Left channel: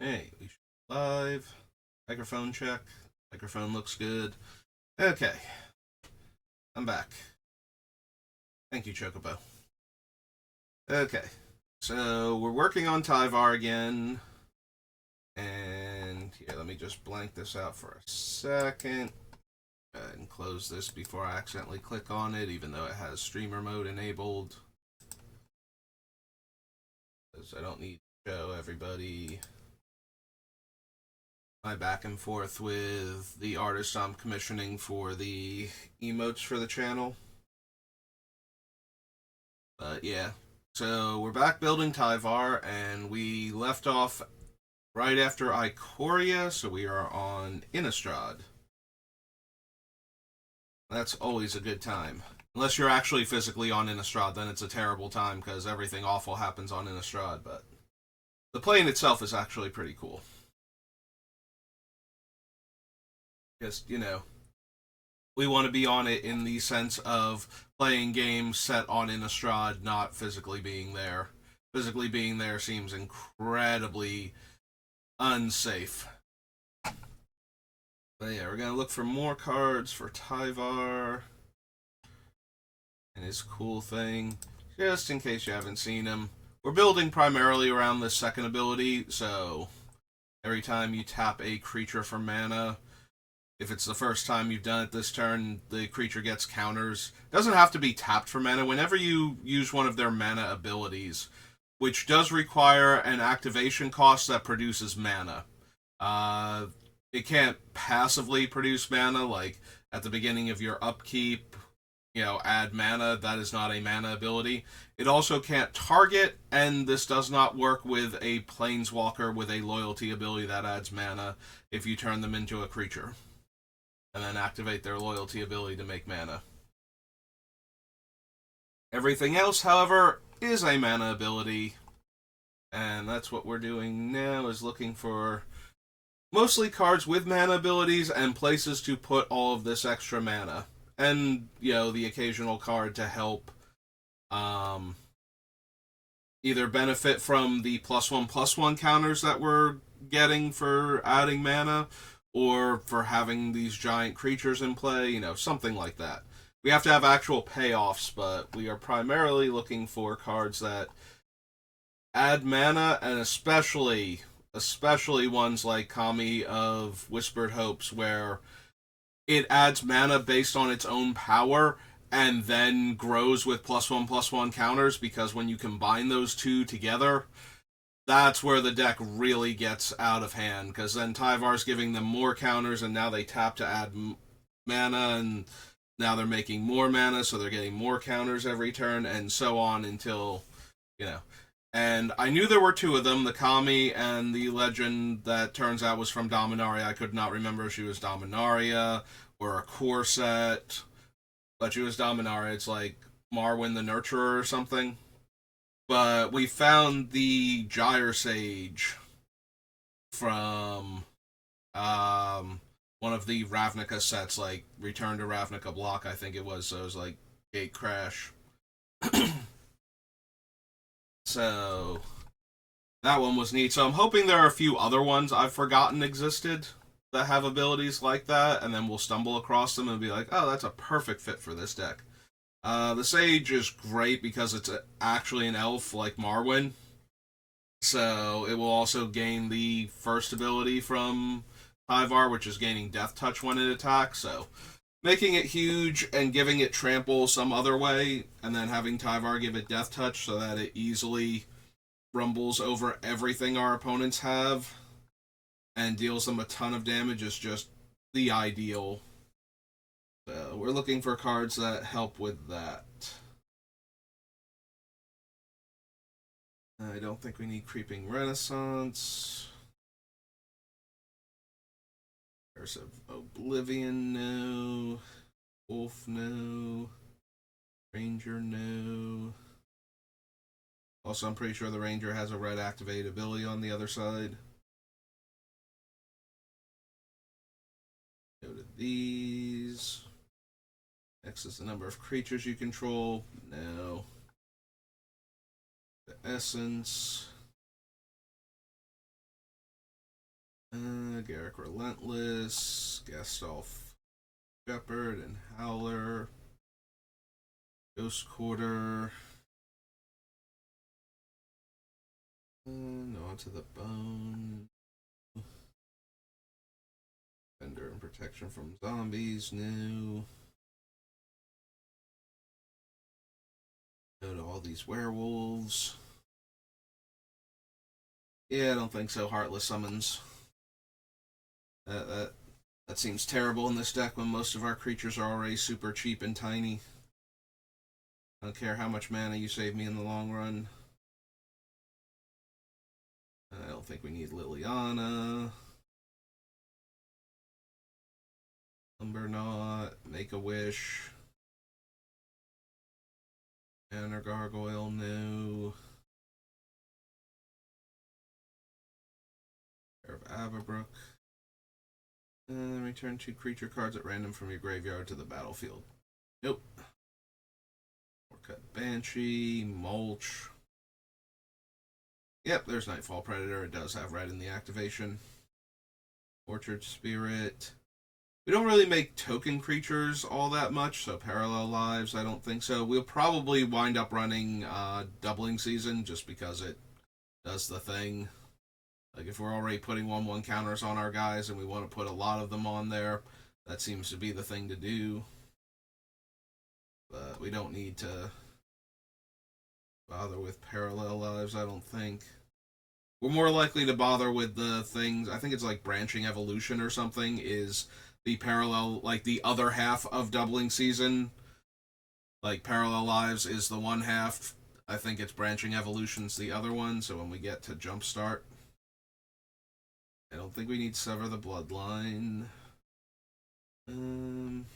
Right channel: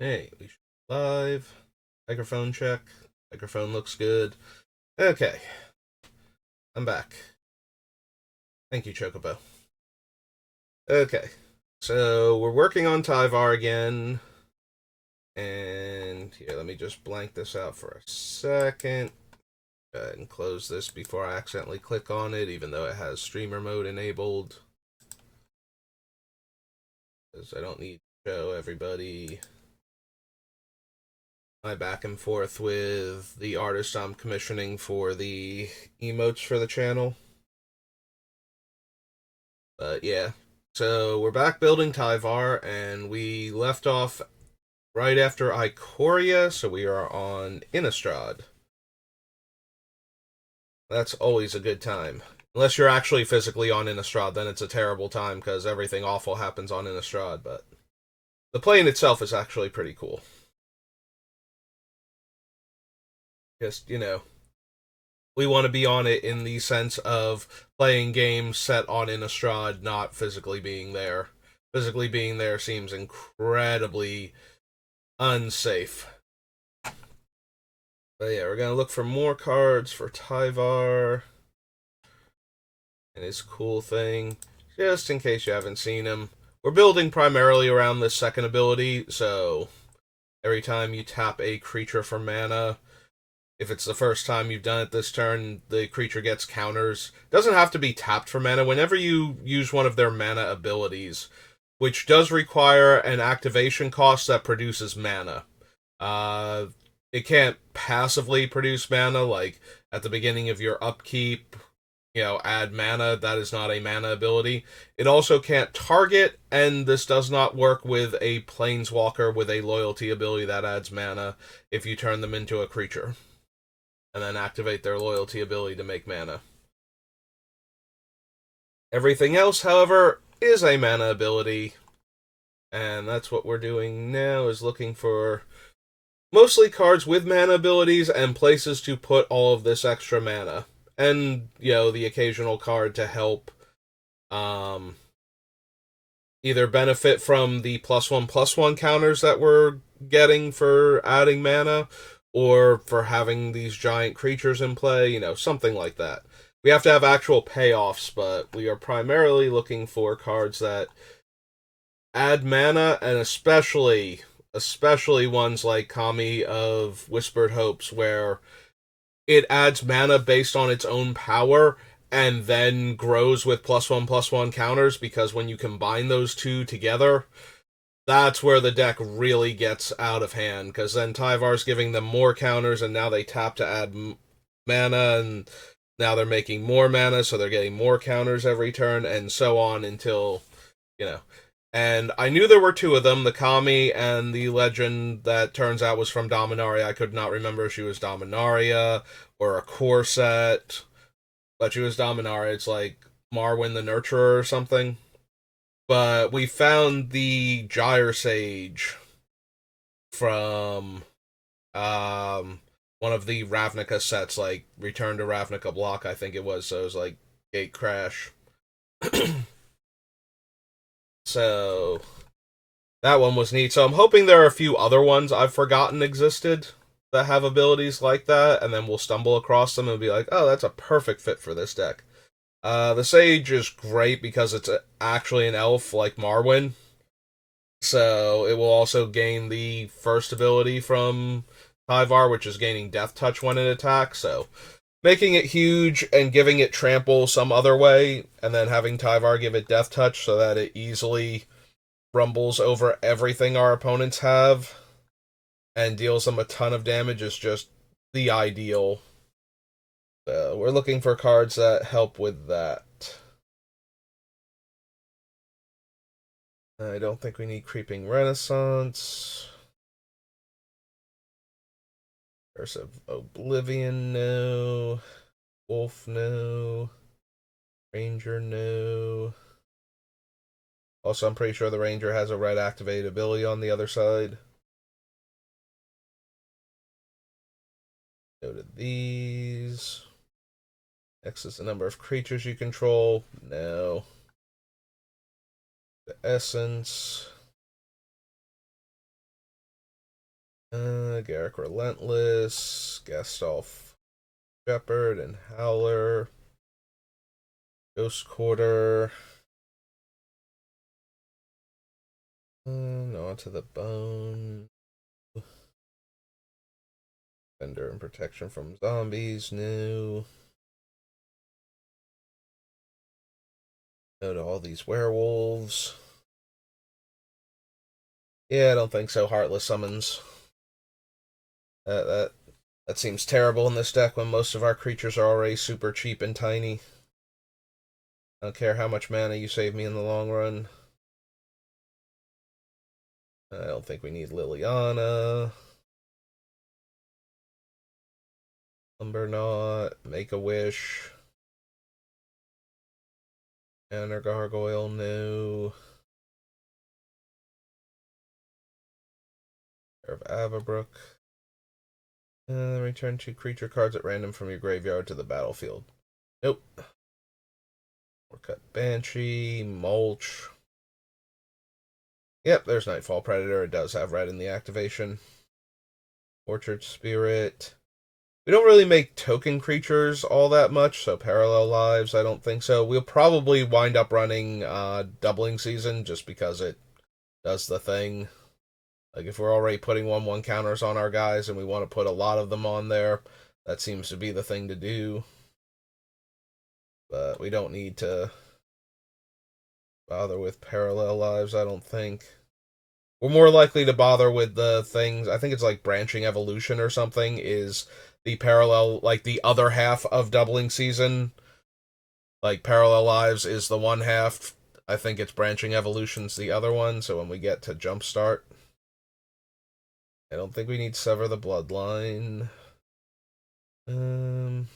Hey, we should live. Microphone check. Microphone looks good. Okay, I'm back. Thank you, Chocobo. Okay, so we're working on Tyvar again. And here, let me just blank this out for a second. Go ahead and close this before I accidentally click on it, even though it has streamer mode enabled. Because I don't need to show everybody my back and forth with the artist I'm commissioning for the emotes for the channel. But yeah, so we're back building Tyvar, and we left off right after Ikoria, so we are on Innistrad. That's always a good time. Unless you're actually physically on Innistrad, then it's a terrible time because everything awful happens on Innistrad, but the plane itself is actually pretty cool. Just, we want to be on it in the sense of playing games set on Innistrad, not physically being there. Physically being there seems incredibly unsafe. But yeah, we're gonna look for more cards for Tyvar and his cool thing, just in case you haven't seen him. We're building primarily around this second ability, so every time you tap a creature for mana, if it's the first time you've done it this turn, the creature gets counters. Doesn't have to be tapped for mana. Whenever you use one of their mana abilities, which does require an activation cost that produces mana. Uh, it can't passively produce mana, like at the beginning of your upkeep, add mana. That is not a mana ability. It also can't target, and this does not work with a planeswalker with a loyalty ability that adds mana if you turn them into a creature and then activate their loyalty ability to make mana. Everything else, however, is a mana ability, and that's what we're doing now, is looking for mostly cards with mana abilities and places to put all of this extra mana. And, the occasional card to help um, either benefit from the +1/+1 counters that we're getting for adding mana, or for having these giant creatures in play, something like that. We have to have actual payoffs, but we are primarily looking for cards that add mana, and especially ones like Kami of Whispered Hopes, where it adds mana based on its own power and then grows with +1/+1 counters, because when you combine those two together, that's where the deck really gets out of hand, because then Tyvar's giving them more counters, and now they tap to add mana, and now they're making more mana, so they're getting more counters every turn, and so on until, you know. And I knew there were two of them, the Kami and the legend that turns out was from Dominaria. I could not remember if she was Dominaria or a core set, but she was Dominaria. It's like Marwyn the Nurturer or something. But we found the Gyre Sage from one of the Ravnica sets, like Return to Ravnica block, I think it was. So it was like Gate Crash. So that one was neat. So I'm hoping there are a few other ones I've forgotten existed that have abilities like that, and then we'll stumble across them and be like, oh, that's a perfect fit for this deck. The Sage is great because it's actually an elf like Marwyn, so it will also gain the first ability from Tyvar, which is gaining Death Touch when it attacks. So making it huge and giving it trample some other way, and then having Tyvar give it Death Touch so that it easily rumbles over everything our opponents have and deals them a ton of damage is just the ideal. We're looking for cards that help with that. I don't think we need Creeping Renaissance. There's Oblivion, no. Wolf, no. Ranger, no. Also, I'm pretty sure the Ranger has a red activated ability on the other side. Go to these. X is the number of creatures you control. No. The Essence. Garrick Relentless, Gastolf Shepherd and Howler, Ghost Quarter. No, onto the bone. Defender and protection from zombies, new. No to all these werewolves. Yeah, I don't think so. Heartless summons. That that seems terrible in this deck when most of our creatures are already super cheap and tiny. I don't care how much mana you save me in the long run. I don't think we need Liliana. Lumberknot, Make a Wish, Enter Gargoyle, no. Pair of Avabrook. Return 2 creature cards at random from your graveyard to the battlefield. Nope. Cut Banshee, Mulch. Yep, there's Nightfall Predator. It does have red in the activation. Orchard Spirit. We don't really make token creatures all that much, so Parallel Lives, I don't think so. We'll probably wind up running Doubling Season just because it does the thing. Like, if we're already putting 1/1 counters on our guys and we want to put a lot of them on there, that seems to be the thing to do. But we don't need to bother with Parallel Lives, I don't think. We're more likely to bother with the things, I think it's like Branching Evolution or something, is the parallel, like the other half of Doubling Season. Like, Parallel Lives is the one half. I think it's Branching Evolution's the other one, so when we get to Jumpstart, I don't think we need Sever the Bloodline. Um,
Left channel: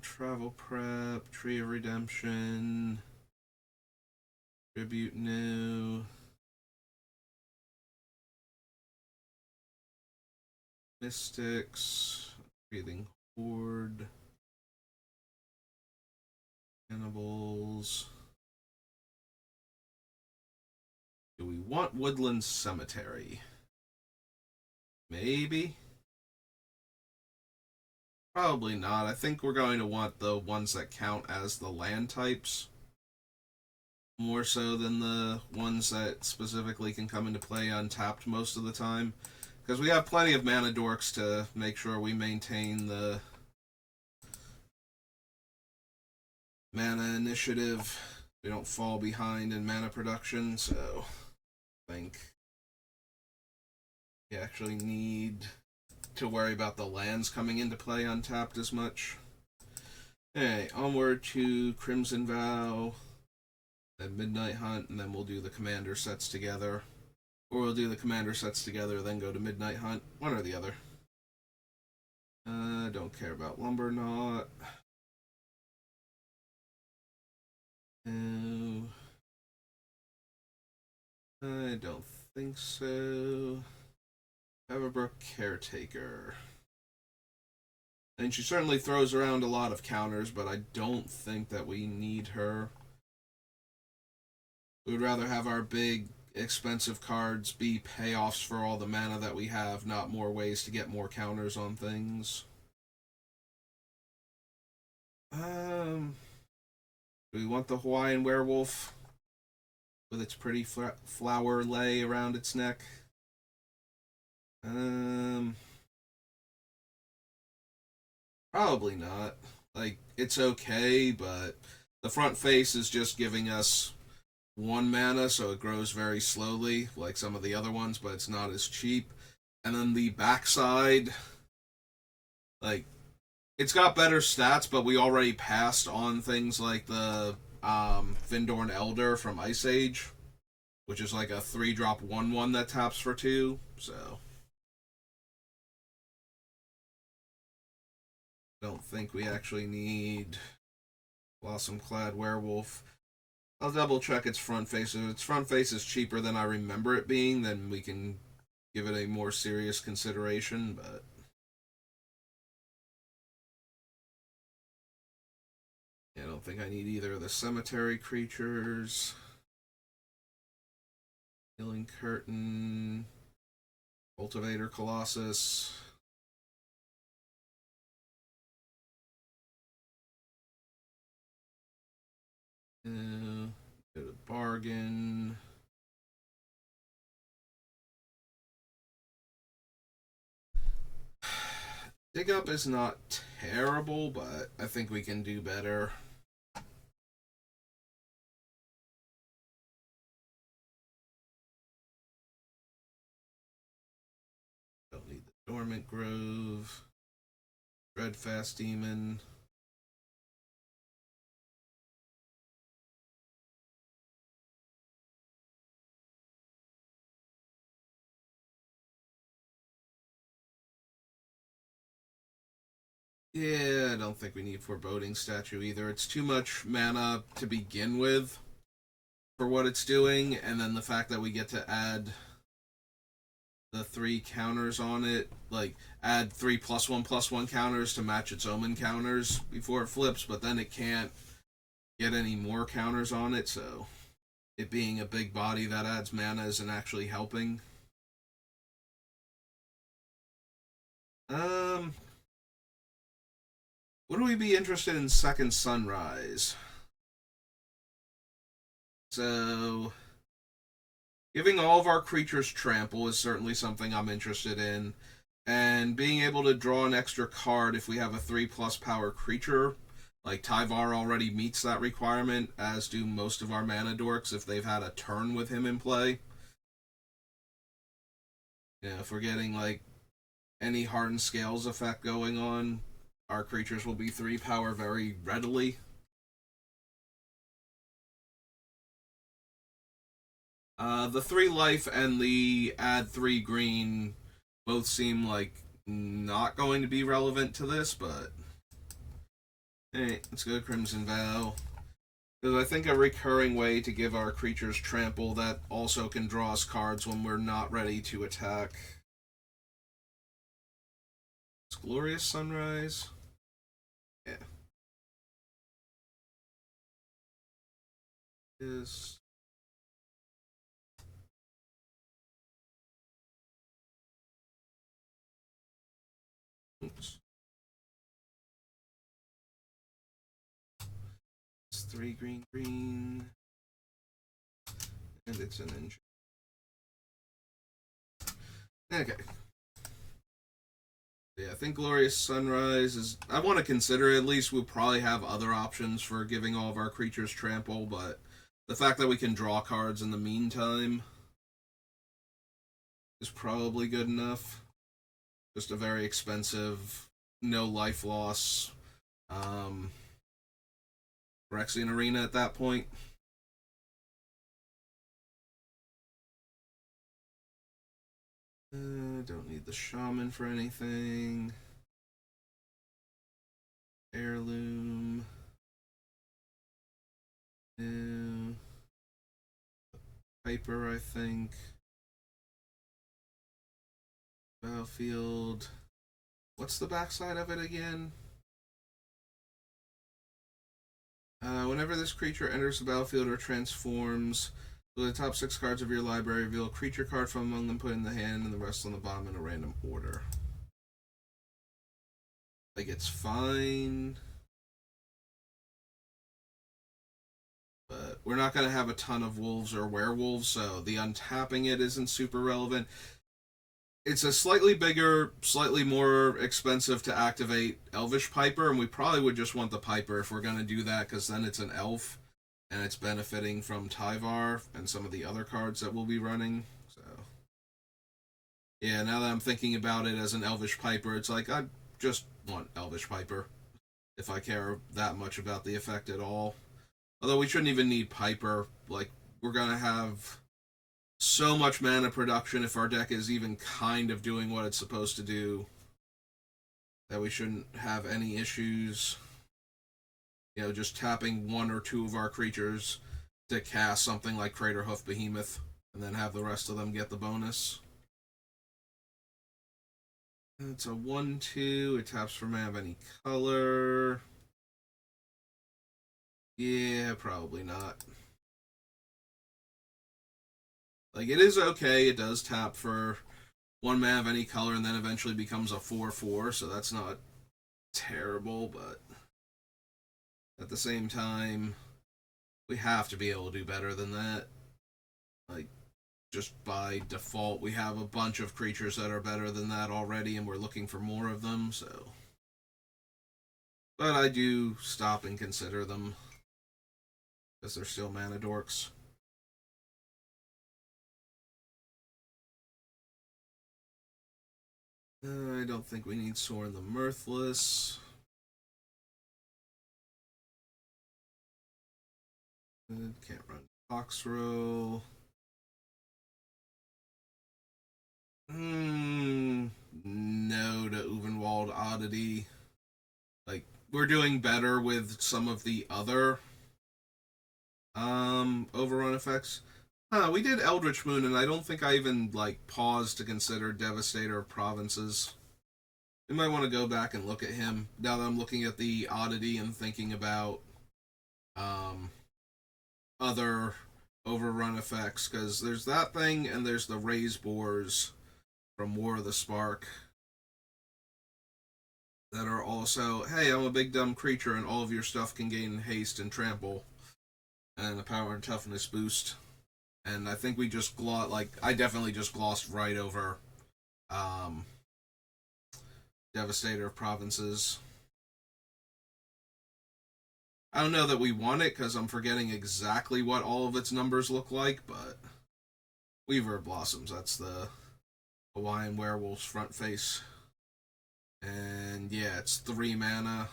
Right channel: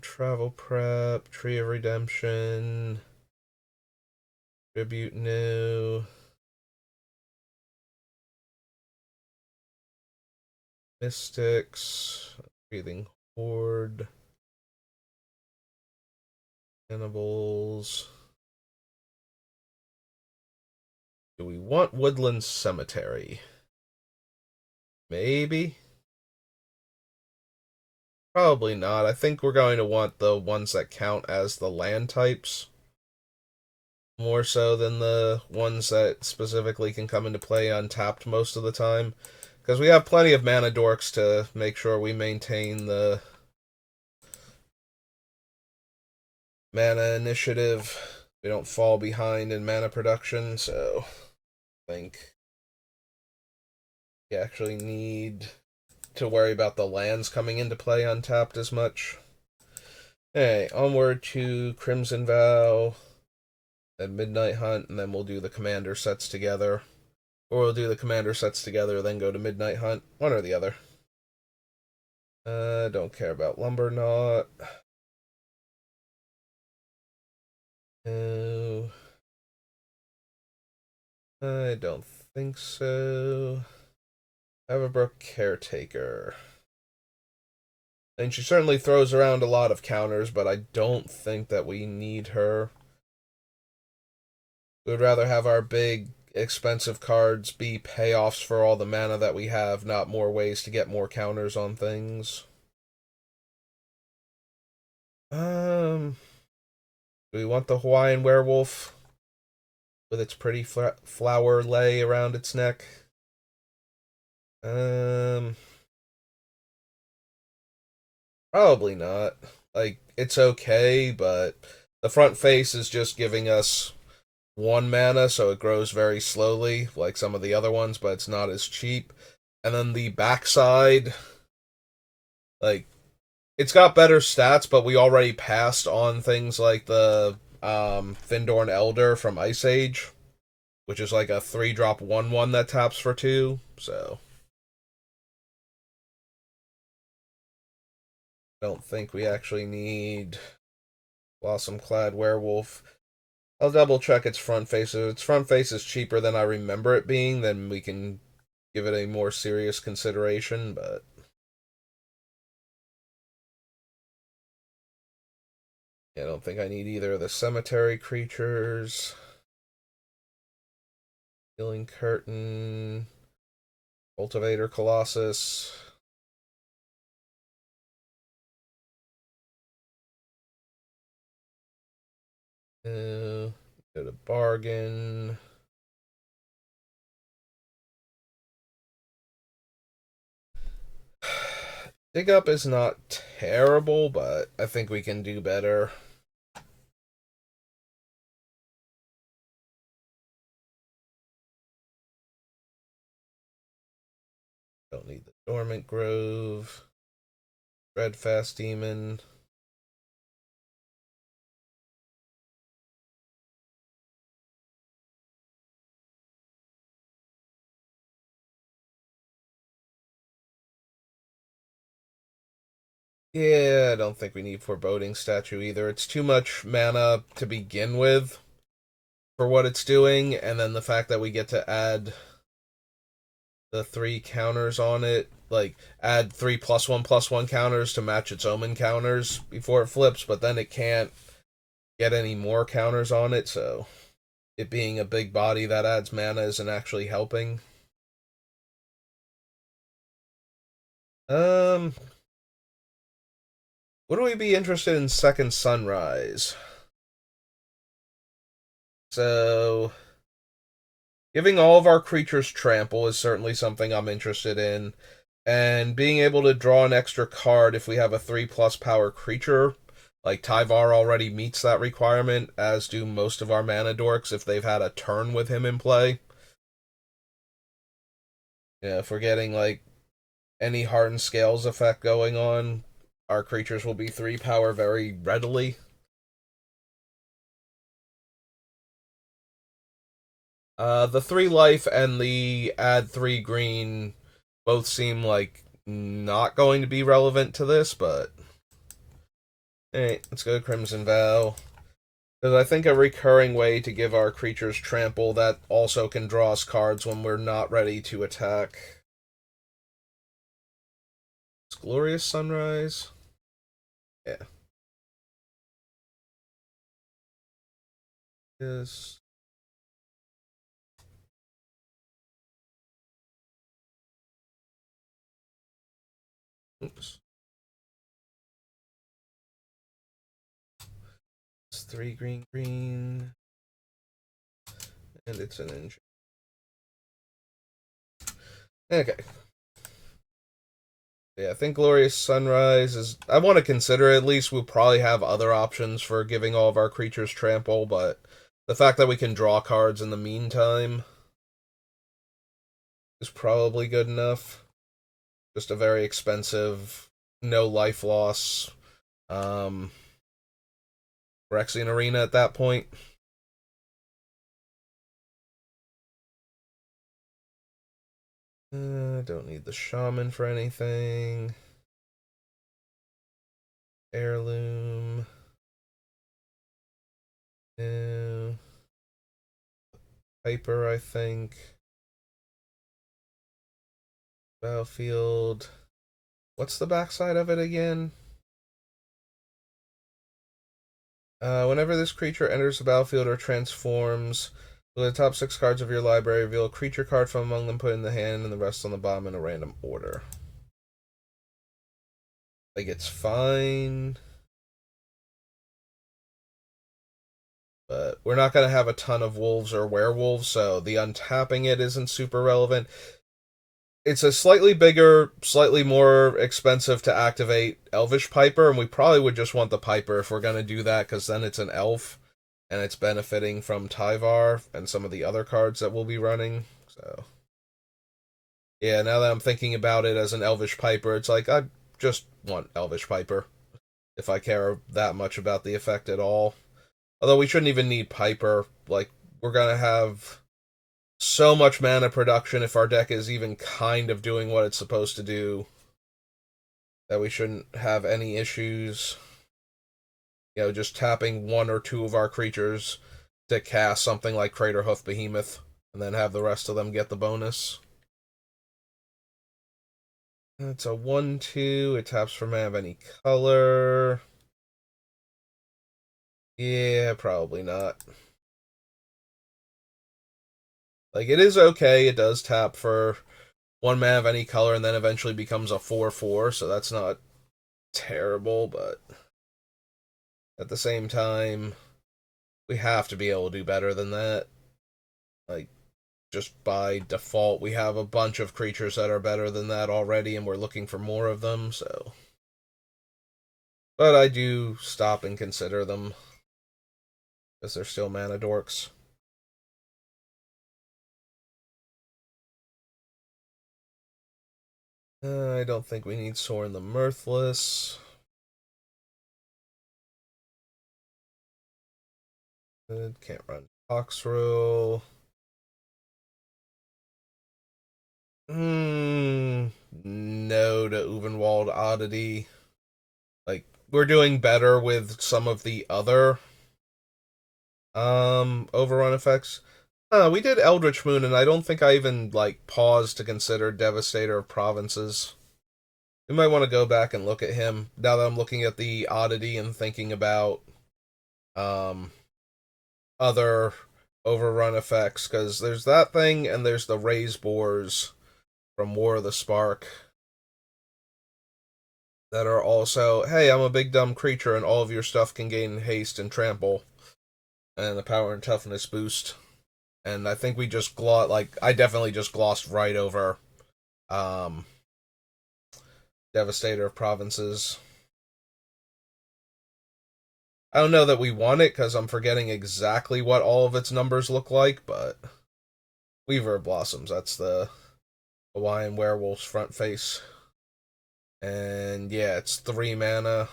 Travel Prep, Tree of Redemption, Tribute New, Mystics, Breathing Horde, Cannibals. Do we want Woodland Cemetery? Maybe. Probably not. I think we're going to want the ones that count as the land types more so than the ones that specifically can come into play untapped most of the time. Because we have plenty of mana dorks to make sure we maintain the mana initiative. We don't fall behind in mana production, so I think we actually need to worry about the lands coming into play untapped as much. Okay, onward to Crimson Vow and Midnight Hunt, and then we'll do the commander sets together. Or we'll do the commander sets together, then go to Midnight Hunt. One or the other. Don't care about Lumberknot. No. I don't think so. Everbrook Caretaker. And she certainly throws around a lot of counters, but I don't think that we need her. We'd rather have our big, expensive cards be payoffs for all the mana that we have, not more ways to get more counters on things. Do we want the Hawaiian Werewolf with its pretty flower lay around its neck? Um, Probably not. Like, it's okay, but the front face is just giving us 1 mana, so it grows very slowly, like some of the other ones, but it's not as cheap. And then the backside, like, it's got better stats, but we already passed on things like the Findorn Elder from Ice Age, which is like a 3-drop 1/1 that taps for 2. So I don't think we actually need Blossom Clad Werewolf. I'll double check its front face. If its front face is cheaper than I remember it being, then we can give it a more serious consideration, but yeah, I don't think I need either of the cemetery creatures. Healing Curtain, Cultivator Colossus. Go to Bargain. Dig Up is not terrible, but I think we can do better. Don't need the Dormant Grove. Dreadfast Demon. Yeah, I don't think we need Foreboding Statue either. It's too much mana to begin with for what it's doing, and then the fact that we get to add the 3 counters on it, like add 3+1/+1 counters to match its Omen counters before it flips, but then it can't get any more counters on it, so it being a big body that adds mana isn't actually helping. Um, would we be interested in Second Sunrise? So, giving all of our creatures trample is certainly something I'm interested in. And being able to draw an extra card if we have a 3+ power creature, like Tyvar already meets that requirement, as do most of our mana dorks if they've had a turn with him in play. Yeah, if we're getting like any hardened scales effect going on, our creatures will be 3 power very readily. The 3 life and the add 3 green both seem like not going to be relevant to this, but hey, let's go to Crimson Vow. Because I think a recurring way to give our creatures trample that also can draw us cards when we're not ready to attack. It's Glorious Sunrise. Yeah. Yes. Oops. It's 3 green, and it's an engine. Okay. Yeah, I think Glorious Sunrise is. I want to consider it, at least. We'll probably have other options for giving all of our creatures trample, but the fact that we can draw cards in the meantime is probably good enough. Just a very expensive, no life loss um, Rexian Arena at that point. Don't need the Shaman for anything. Heirloom. No. Piper, I think. Battlefield. What's the backside of it again? Whenever this creature enters the battlefield or transforms, the top 6 cards of your library, reveal a creature card from among them, put in the hand, and the rest on the bottom in a random order. Like, it's fine, but we're not going to have a ton of wolves or werewolves, so the untapping it isn't super relevant. It's a slightly bigger, slightly more expensive to activate Elvish Piper, and we probably would just want the Piper if we're going to do that, because then it's an elf, and it's benefiting from Tyvar and some of the other cards that we'll be running. So, yeah, now that I'm thinking about it as an Elvish Piper, it's like I just want Elvish Piper if I care that much about the effect at all. Although we shouldn't even need Piper. Like, we're going to have so much mana production if our deck is even kind of doing what it's supposed to do that we shouldn't have any issues. Just tapping 1 or 2 of our creatures to cast something like Craterhoof Behemoth, and then have the rest of them get the bonus. It's a 1/2. It taps for mana of any color. Yeah, probably not. Like, it is okay. It does tap for one mana of any color and then eventually becomes a 4/4, so that's not terrible, but at the same time, we have to be able to do better than that. Like, just by default, we have a bunch of creatures that are better than that already, and we're looking for more of them, so. But I do stop and consider them, because they're still mana dorks. I don't think we need Sorin the Mirthless. Good, can't run Toxrill. No to Uvenwald Oddity. Like, we're doing better with some of the other overrun effects. We did Eldritch Moon, and I don't think I even like paused to consider Devastator of Provinces. We might want to go back and look at him now that I'm looking at the oddity and thinking about um other overrun effects, because there's that thing and there's the Raise Boars from War of the Spark that are also, hey, I'm a big dumb creature and all of your stuff can gain haste and trample and the power and toughness boost. And I think we just I definitely just glossed right over um Devastator of Provinces. I don't know that we want it because I'm forgetting exactly what all of its numbers look like, but Weaver Blossoms, that's the Hawaiian Werewolf's front face. And yeah, it's 3 mana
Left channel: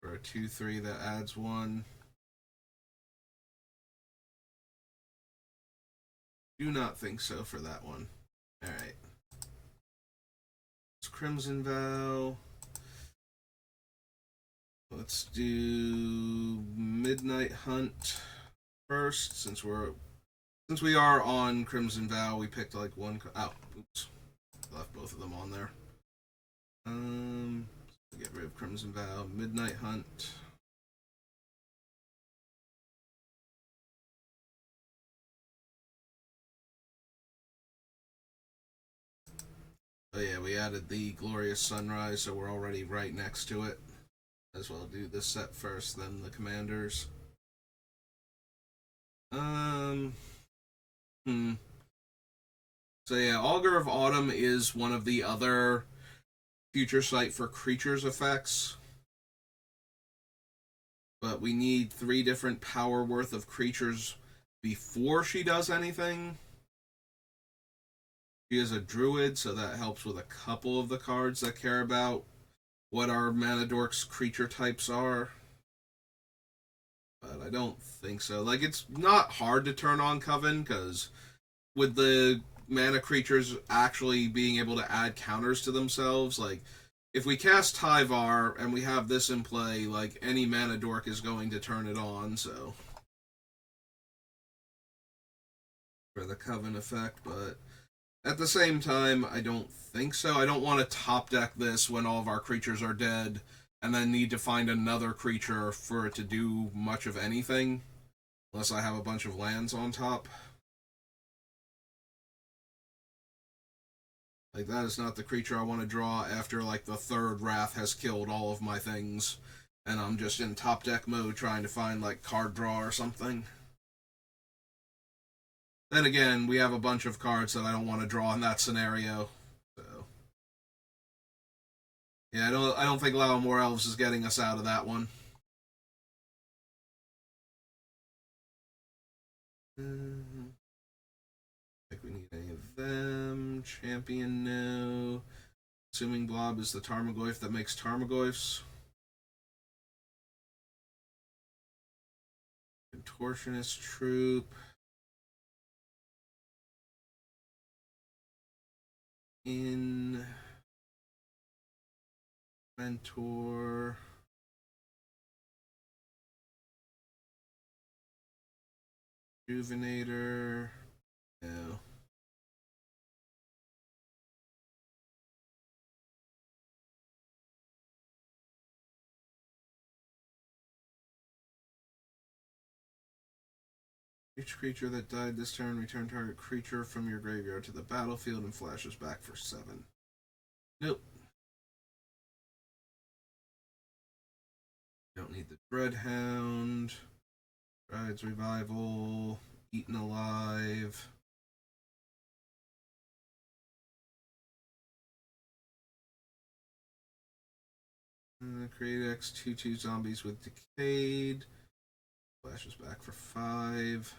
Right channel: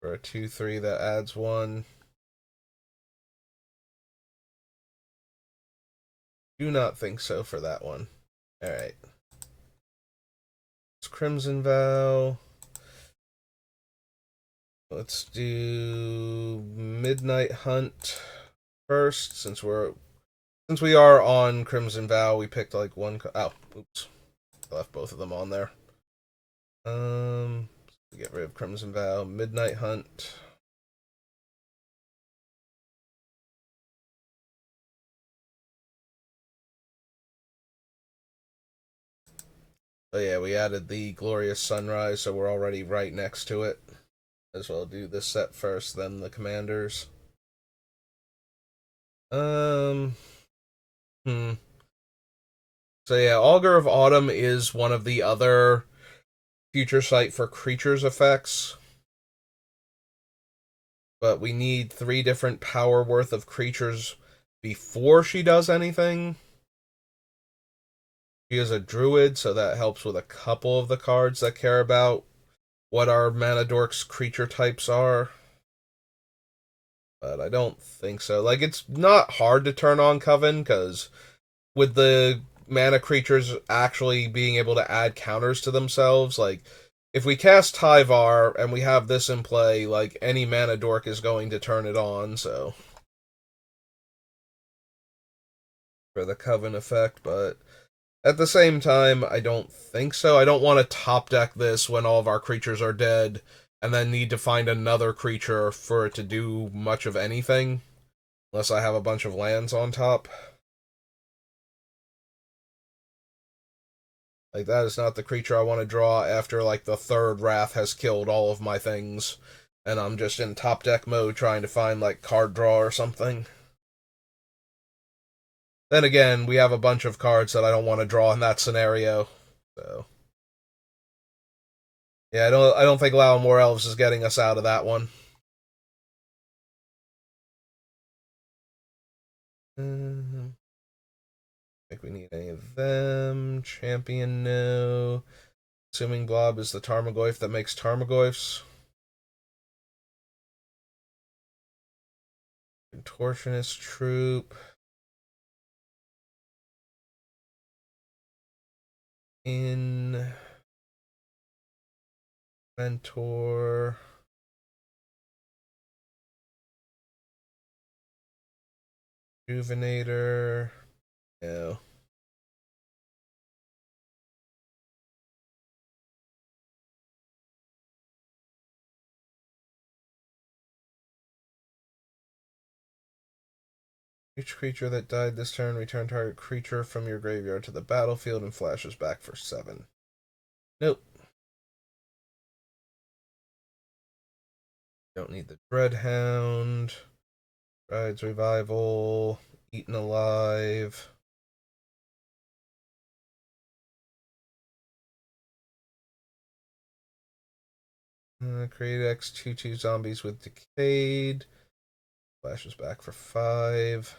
for a 2/3 that adds 1. Do not think so for that one. Alright. It's Crimson Vow. Let's do Midnight Hunt first, since we are on Crimson Vow. We picked like one. Oh, oops, I left both of them on there. Get rid of Crimson Vow. Midnight Hunt. Oh yeah, we added the Glorious Sunrise, so we're already right next to it. As well do this set first, then the Commanders. Um. Hmm. So yeah, Augur of Autumn is one of the other future sight for creatures effects. But we need 3 different power worth of creatures before she does anything. She is a druid, so that helps with a couple of the cards that care about what our mana dork's creature types are. But I don't think so. Like, it's not hard to turn on Coven, because with the mana creatures actually being able to add counters to themselves, like, if we cast Tyvar and we have this in play, like, any mana dork is going to turn it on, so. For the Coven effect, but at the same time, I don't think so. I don't want to top deck this when all of our creatures are dead and then need to find another creature for it to do much of anything, unless I have a bunch of lands on top. Like, that is not the creature I want to draw after, like, the 3rd Wrath has killed all of my things, and I'm just in top deck mode trying to find, like, card draw or something. Then again, we have a bunch of cards that I don't want to draw in that scenario, so. Yeah, I don't think Lao More Elves is getting us out of that one. I think we need any of them. Champion, no. Assuming Blob is the Tarmogoyf that makes Tarmogoyfs. Contortionist Troop. In. Mentor. Rejuvenator. No. Each creature that died this turn, return target creature from your graveyard to the battlefield and flashes back for 7. Nope. Don't need the Dreadhound. Rides Revival. Eaten Alive. Create X 2/2 zombies with Decayed. Flashes back for 5.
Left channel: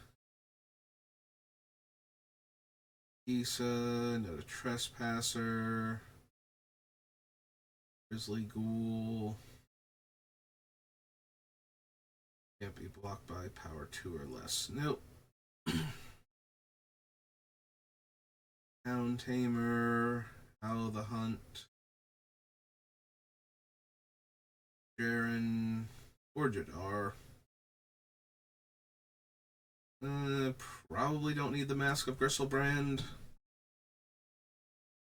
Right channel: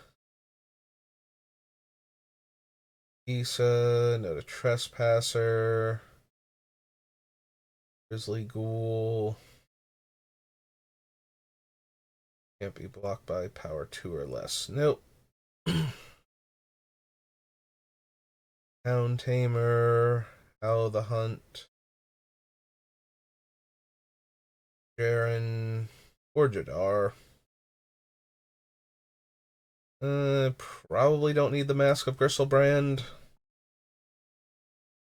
Isa, Note a Trespasser. Grizzly Ghoul. Can't be blocked by power 2 or less. Nope. Hound Tamer. Howl the Hunt. Jaren. Or Jadar. Probably don't need the Mask of Gristlebrand.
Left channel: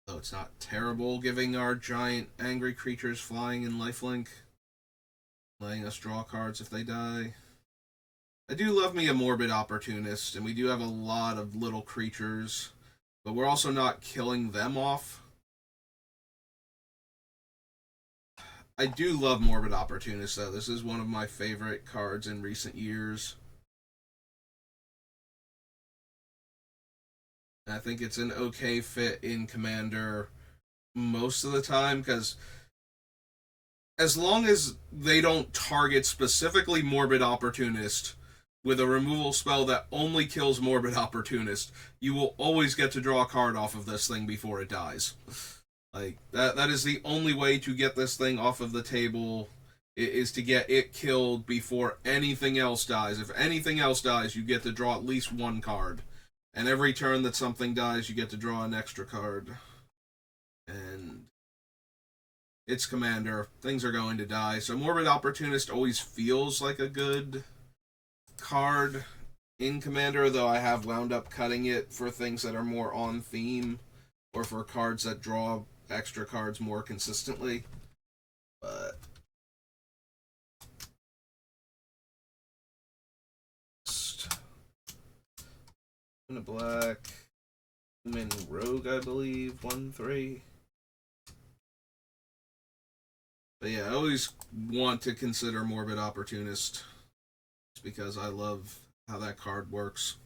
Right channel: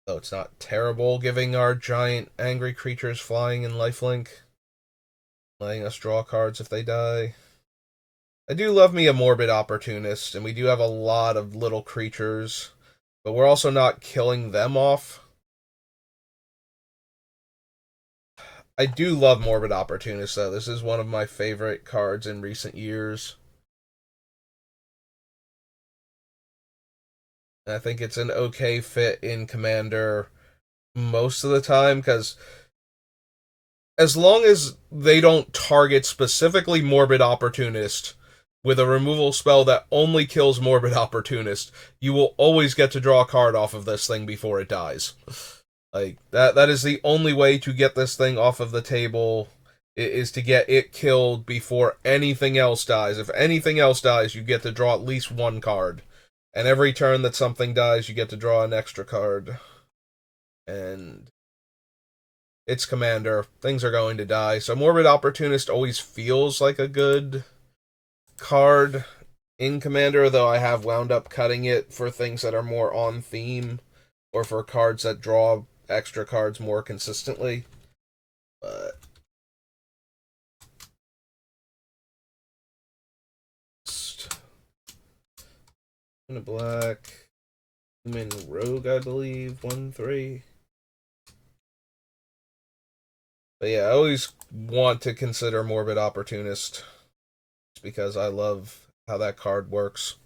Though it's not terrible giving our giant angry creatures flying in lifelink. Letting us draw cards if they die. I do love me a Morbid Opportunist, and we do have a lot of little creatures, but we're also not killing them off. I do love Morbid Opportunist, though. This is one of my favorite cards in recent years. And I think it's an okay fit in Commander most of the time, because as long as they don't target specifically Morbid Opportunist with a removal spell that only kills Morbid Opportunist, you will always get to draw a card off of this thing before it dies. Like that is the only way to get this thing off of the table, is to get it killed before anything else dies. If anything else dies, you get to draw at least one card. And every turn that something dies, you get to draw an extra card. And it's Commander. Things are going to die. So Morbid Opportunist always feels like a good card in Commander, though I have wound up cutting it for things that are more on theme or for cards that draw extra cards more consistently. But in a black human rogue, I believe, 1/3. But yeah, I always want to consider Morbid Opportunist because I love how that card works.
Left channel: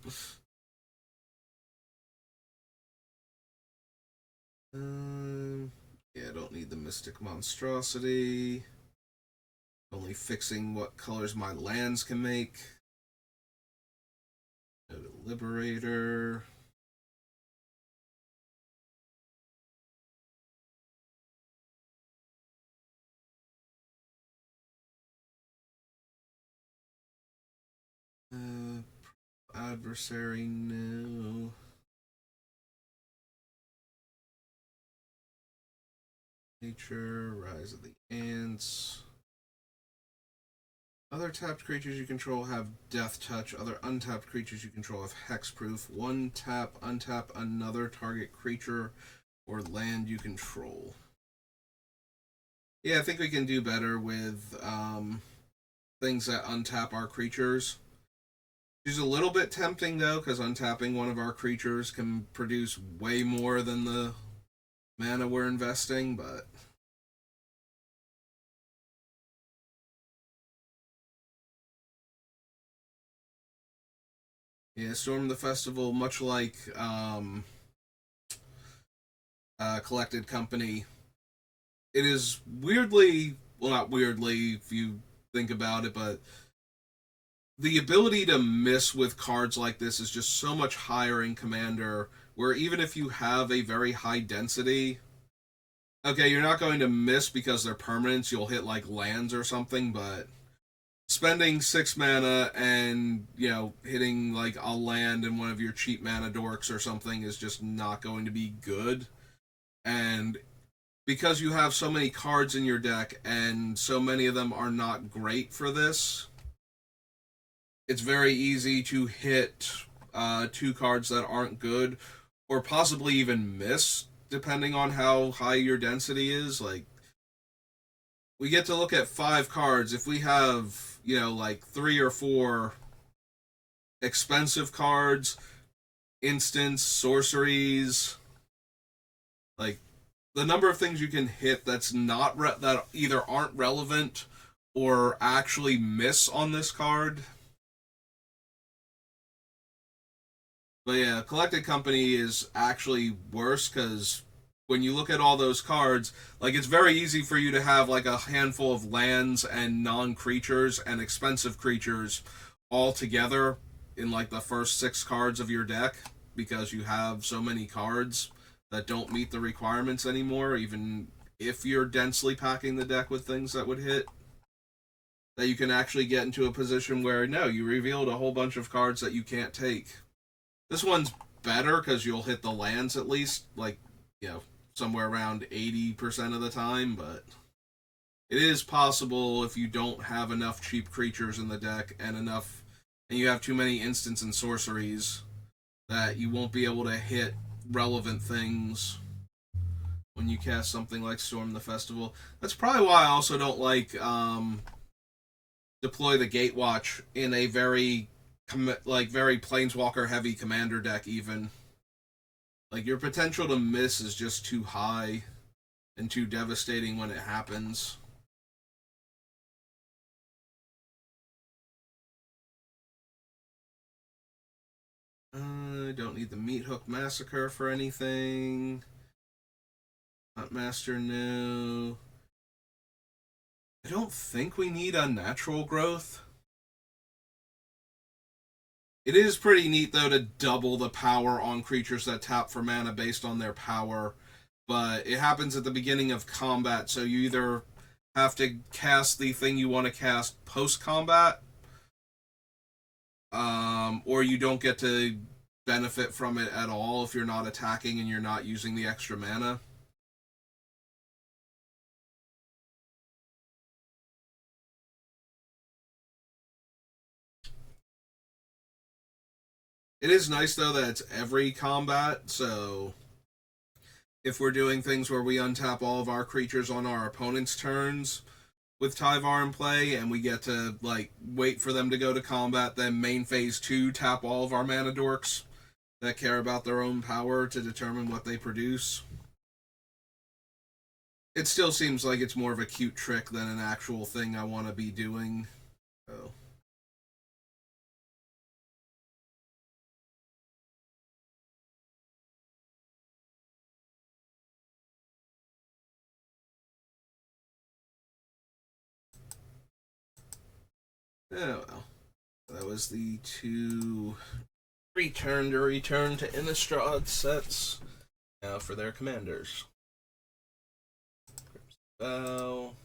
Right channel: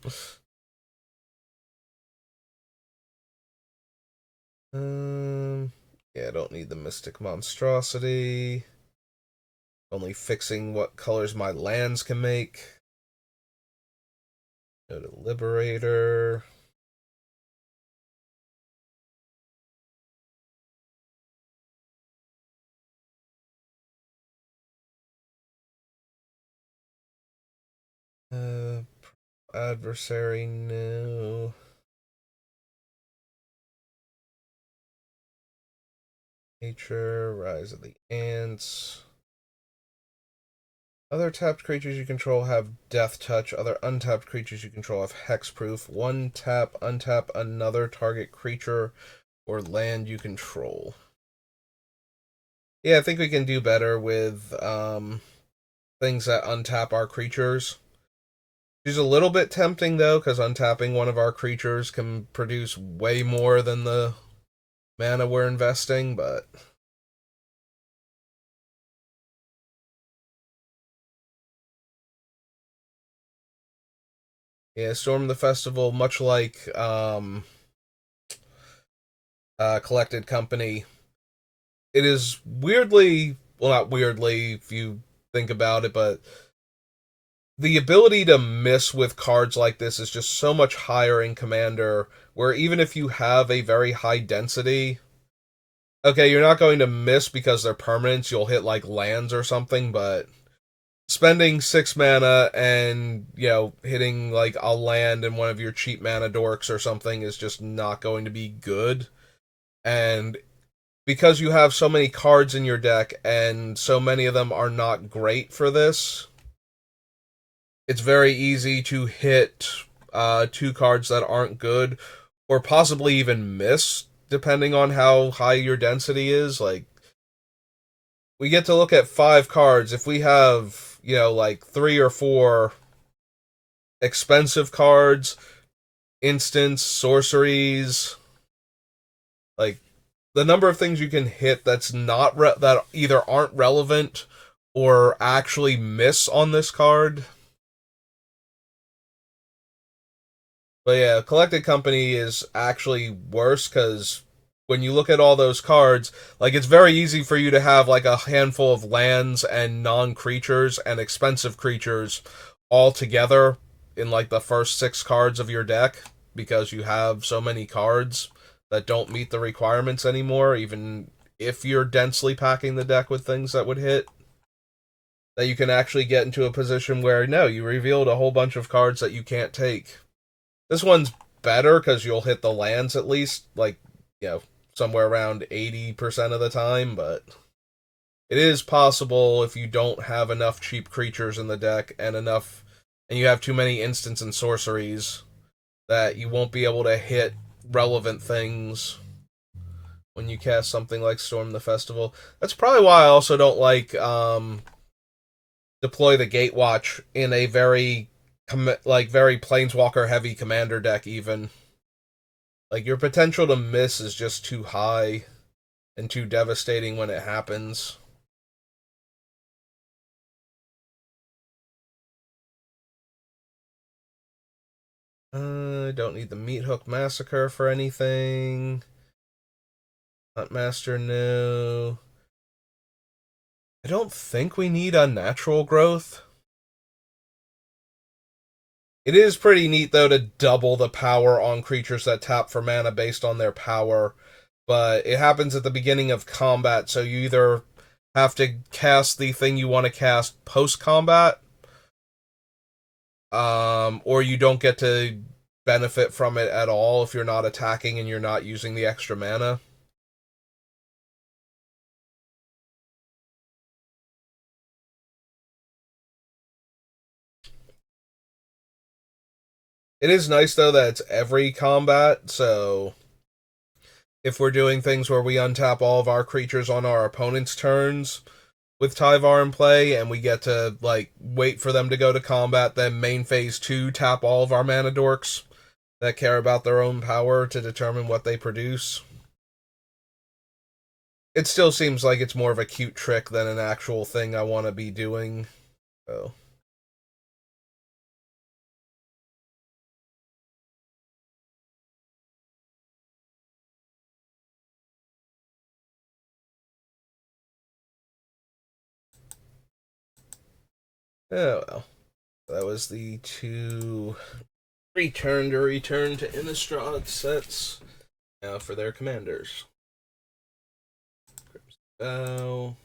Yeah, I don't need the Mystic Monstrosity. Only fixing what colors my lands can make. Go to Liberator. Adversary, no. Nature, Rise of the Ants. Other tapped creatures you control have Death Touch. Other untapped creatures you control have Hexproof. 1 tap, untap another target creature or land you control. Yeah, I think we can do better with things that untap our creatures. She's a little bit tempting, though, because untapping one of our creatures can produce way more than the mana we're investing, but yeah, Storm the Festival, much like Collected Company, it is weirdly, well, not weirdly if you think about it, but the ability to miss with cards like this is just so much higher in Commander, where even if you have a very high density, okay, you're not going to miss because they're permanents, you'll hit like lands or something, but spending 6 mana and, hitting like a land in one of your cheap mana dorks or something is just not going to be good. And because you have so many cards in your deck and so many of them are not great for this, it's very easy to hit 2 cards that aren't good or possibly even miss depending on how high your density is. Like, we get to look at 5 cards. If we have, like 3 or 4 expensive cards, instants, sorceries, like the number of things you can hit that either aren't relevant or actually miss on this card. But yeah, Collected Company is actually worse because when you look at all those cards, like it's very easy for you to have like a handful of lands and non creatures and expensive creatures all together in like the first six cards of your deck because you have so many cards that don't meet the requirements anymore, even if you're densely packing the deck with things that would hit. That you can actually get into a position where no, you revealed a whole bunch of cards that you can't take. This one's better because you'll hit the lands at least, like, you know, somewhere around 80% of the time, but it is possible if you don't have enough cheap creatures in the deck and you have too many instants and sorceries, that you won't be able to hit relevant things when you cast something like Storm the Festival. That's probably why I also don't like deploy the Gatewatch in a very planeswalker heavy commander deck even. Like your potential to miss is just too high and too devastating when it happens. I don't need the Meat Hook Massacre for anything. Huntmaster, no. I don't think we need Unnatural Growth. It is pretty neat, though, to double the power on creatures that tap for mana based on their power, but it happens at the beginning of combat, so you either have to cast the thing you want to cast post combat, or you don't get to benefit from it at all if you're not attacking and you're not using the extra mana. It is nice though that it's every combat, so if we're doing things where we untap all of our creatures on our opponent's turns with Tyvar in play, and we get to like wait for them to go to combat, then main phase 2 tap all of our mana dorks that care about their own power to determine what they produce. It still seems like it's more of a cute trick than an actual thing I want to be doing. So oh well. That was the two return to Innistrad sets. Now for their commanders. Bow.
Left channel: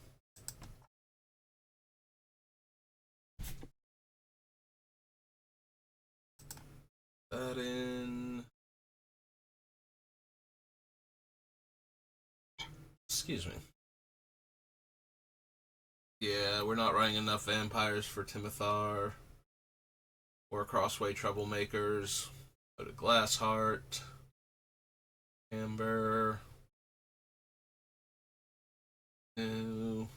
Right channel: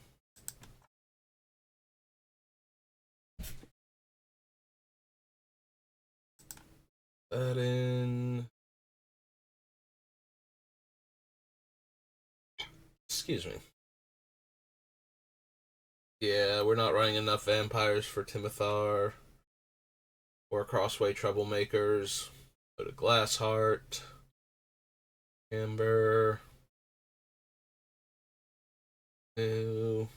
That in. Excuse me. Yeah, we're not running enough vampires for Timothar or Crossway Troublemakers. Go to Glassheart. Amber. New.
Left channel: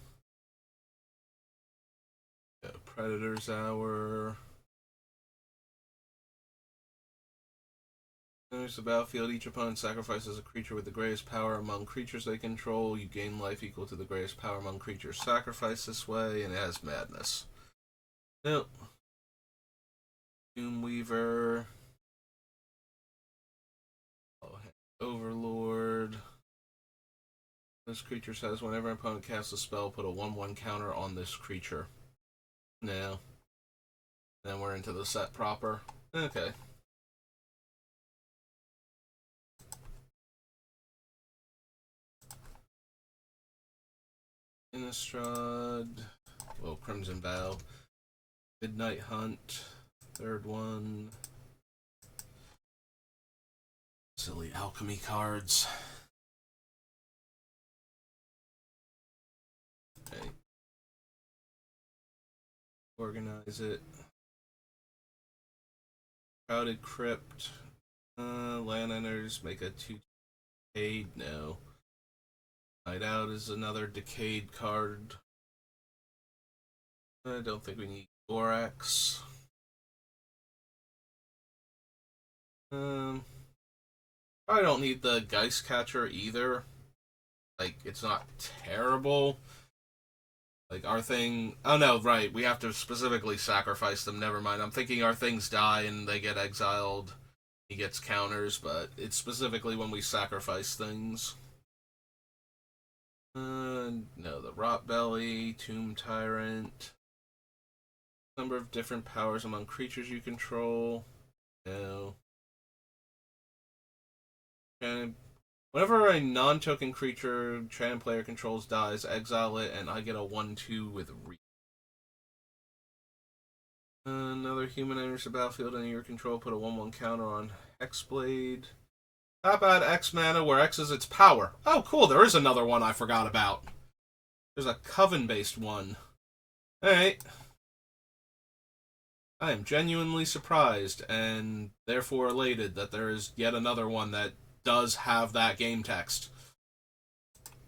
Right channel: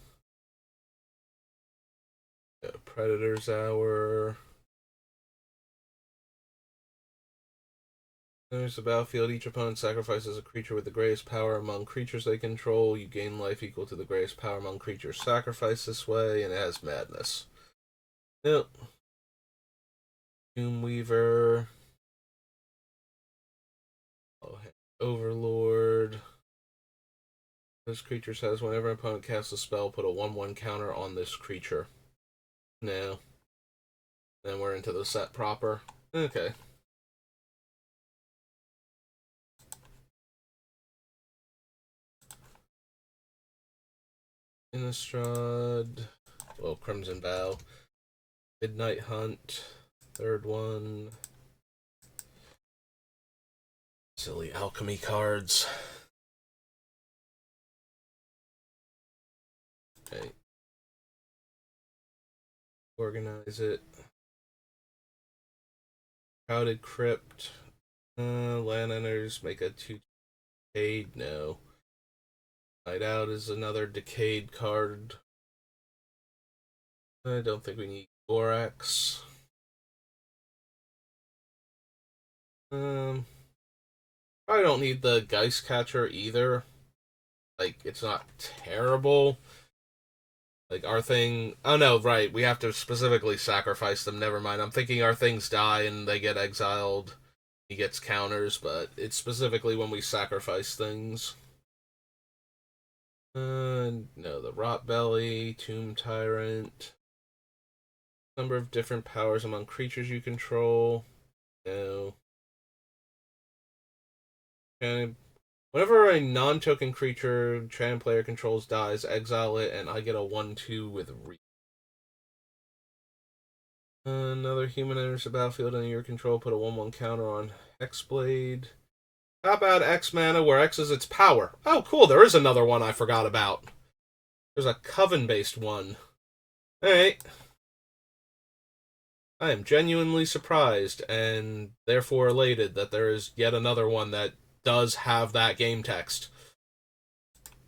Predator's Hour. Enters the battlefield. Each opponent sacrifices a creature with the greatest power among creatures they control. You gain life equal to the greatest power among creatures sacrificed this way, and it has madness. Nope. Doomweaver. Oh, Overlord. This creature says whenever an opponent casts a spell, put a 1/1 counter on this creature. No. Then we're into the set proper. Okay. Innistrad. Well, Crimson Vow. Midnight Hunt. Third one. Silly alchemy cards. Okay. Organize it. Crowded Crypt. Land enters make a 2 decayed. No. Night Out is another decayed card. I don't think we need Borax. Um, I don't need the Geist Catcher either. Like, it's not terrible. Like, our thing. Oh no, right. We have to specifically sacrifice them. Never mind. I'm thinking our things die and they get exiled. He gets counters, but it's specifically when we sacrifice things. No, the Rot Belly, Tomb Tyrant. Number of different powers among creatures you control. No. And whenever a non-token creature Chan player controls dies, exile it, and I get a 1/2 with Reach. Another human enters the battlefield under your control. Put a 1/1 counter on Hexblade. How about X mana, where X is its power? Oh, cool. There is another one I forgot about. There's a Coven-based one. Alright. I am genuinely surprised and therefore elated that there is yet another one that does have that game text.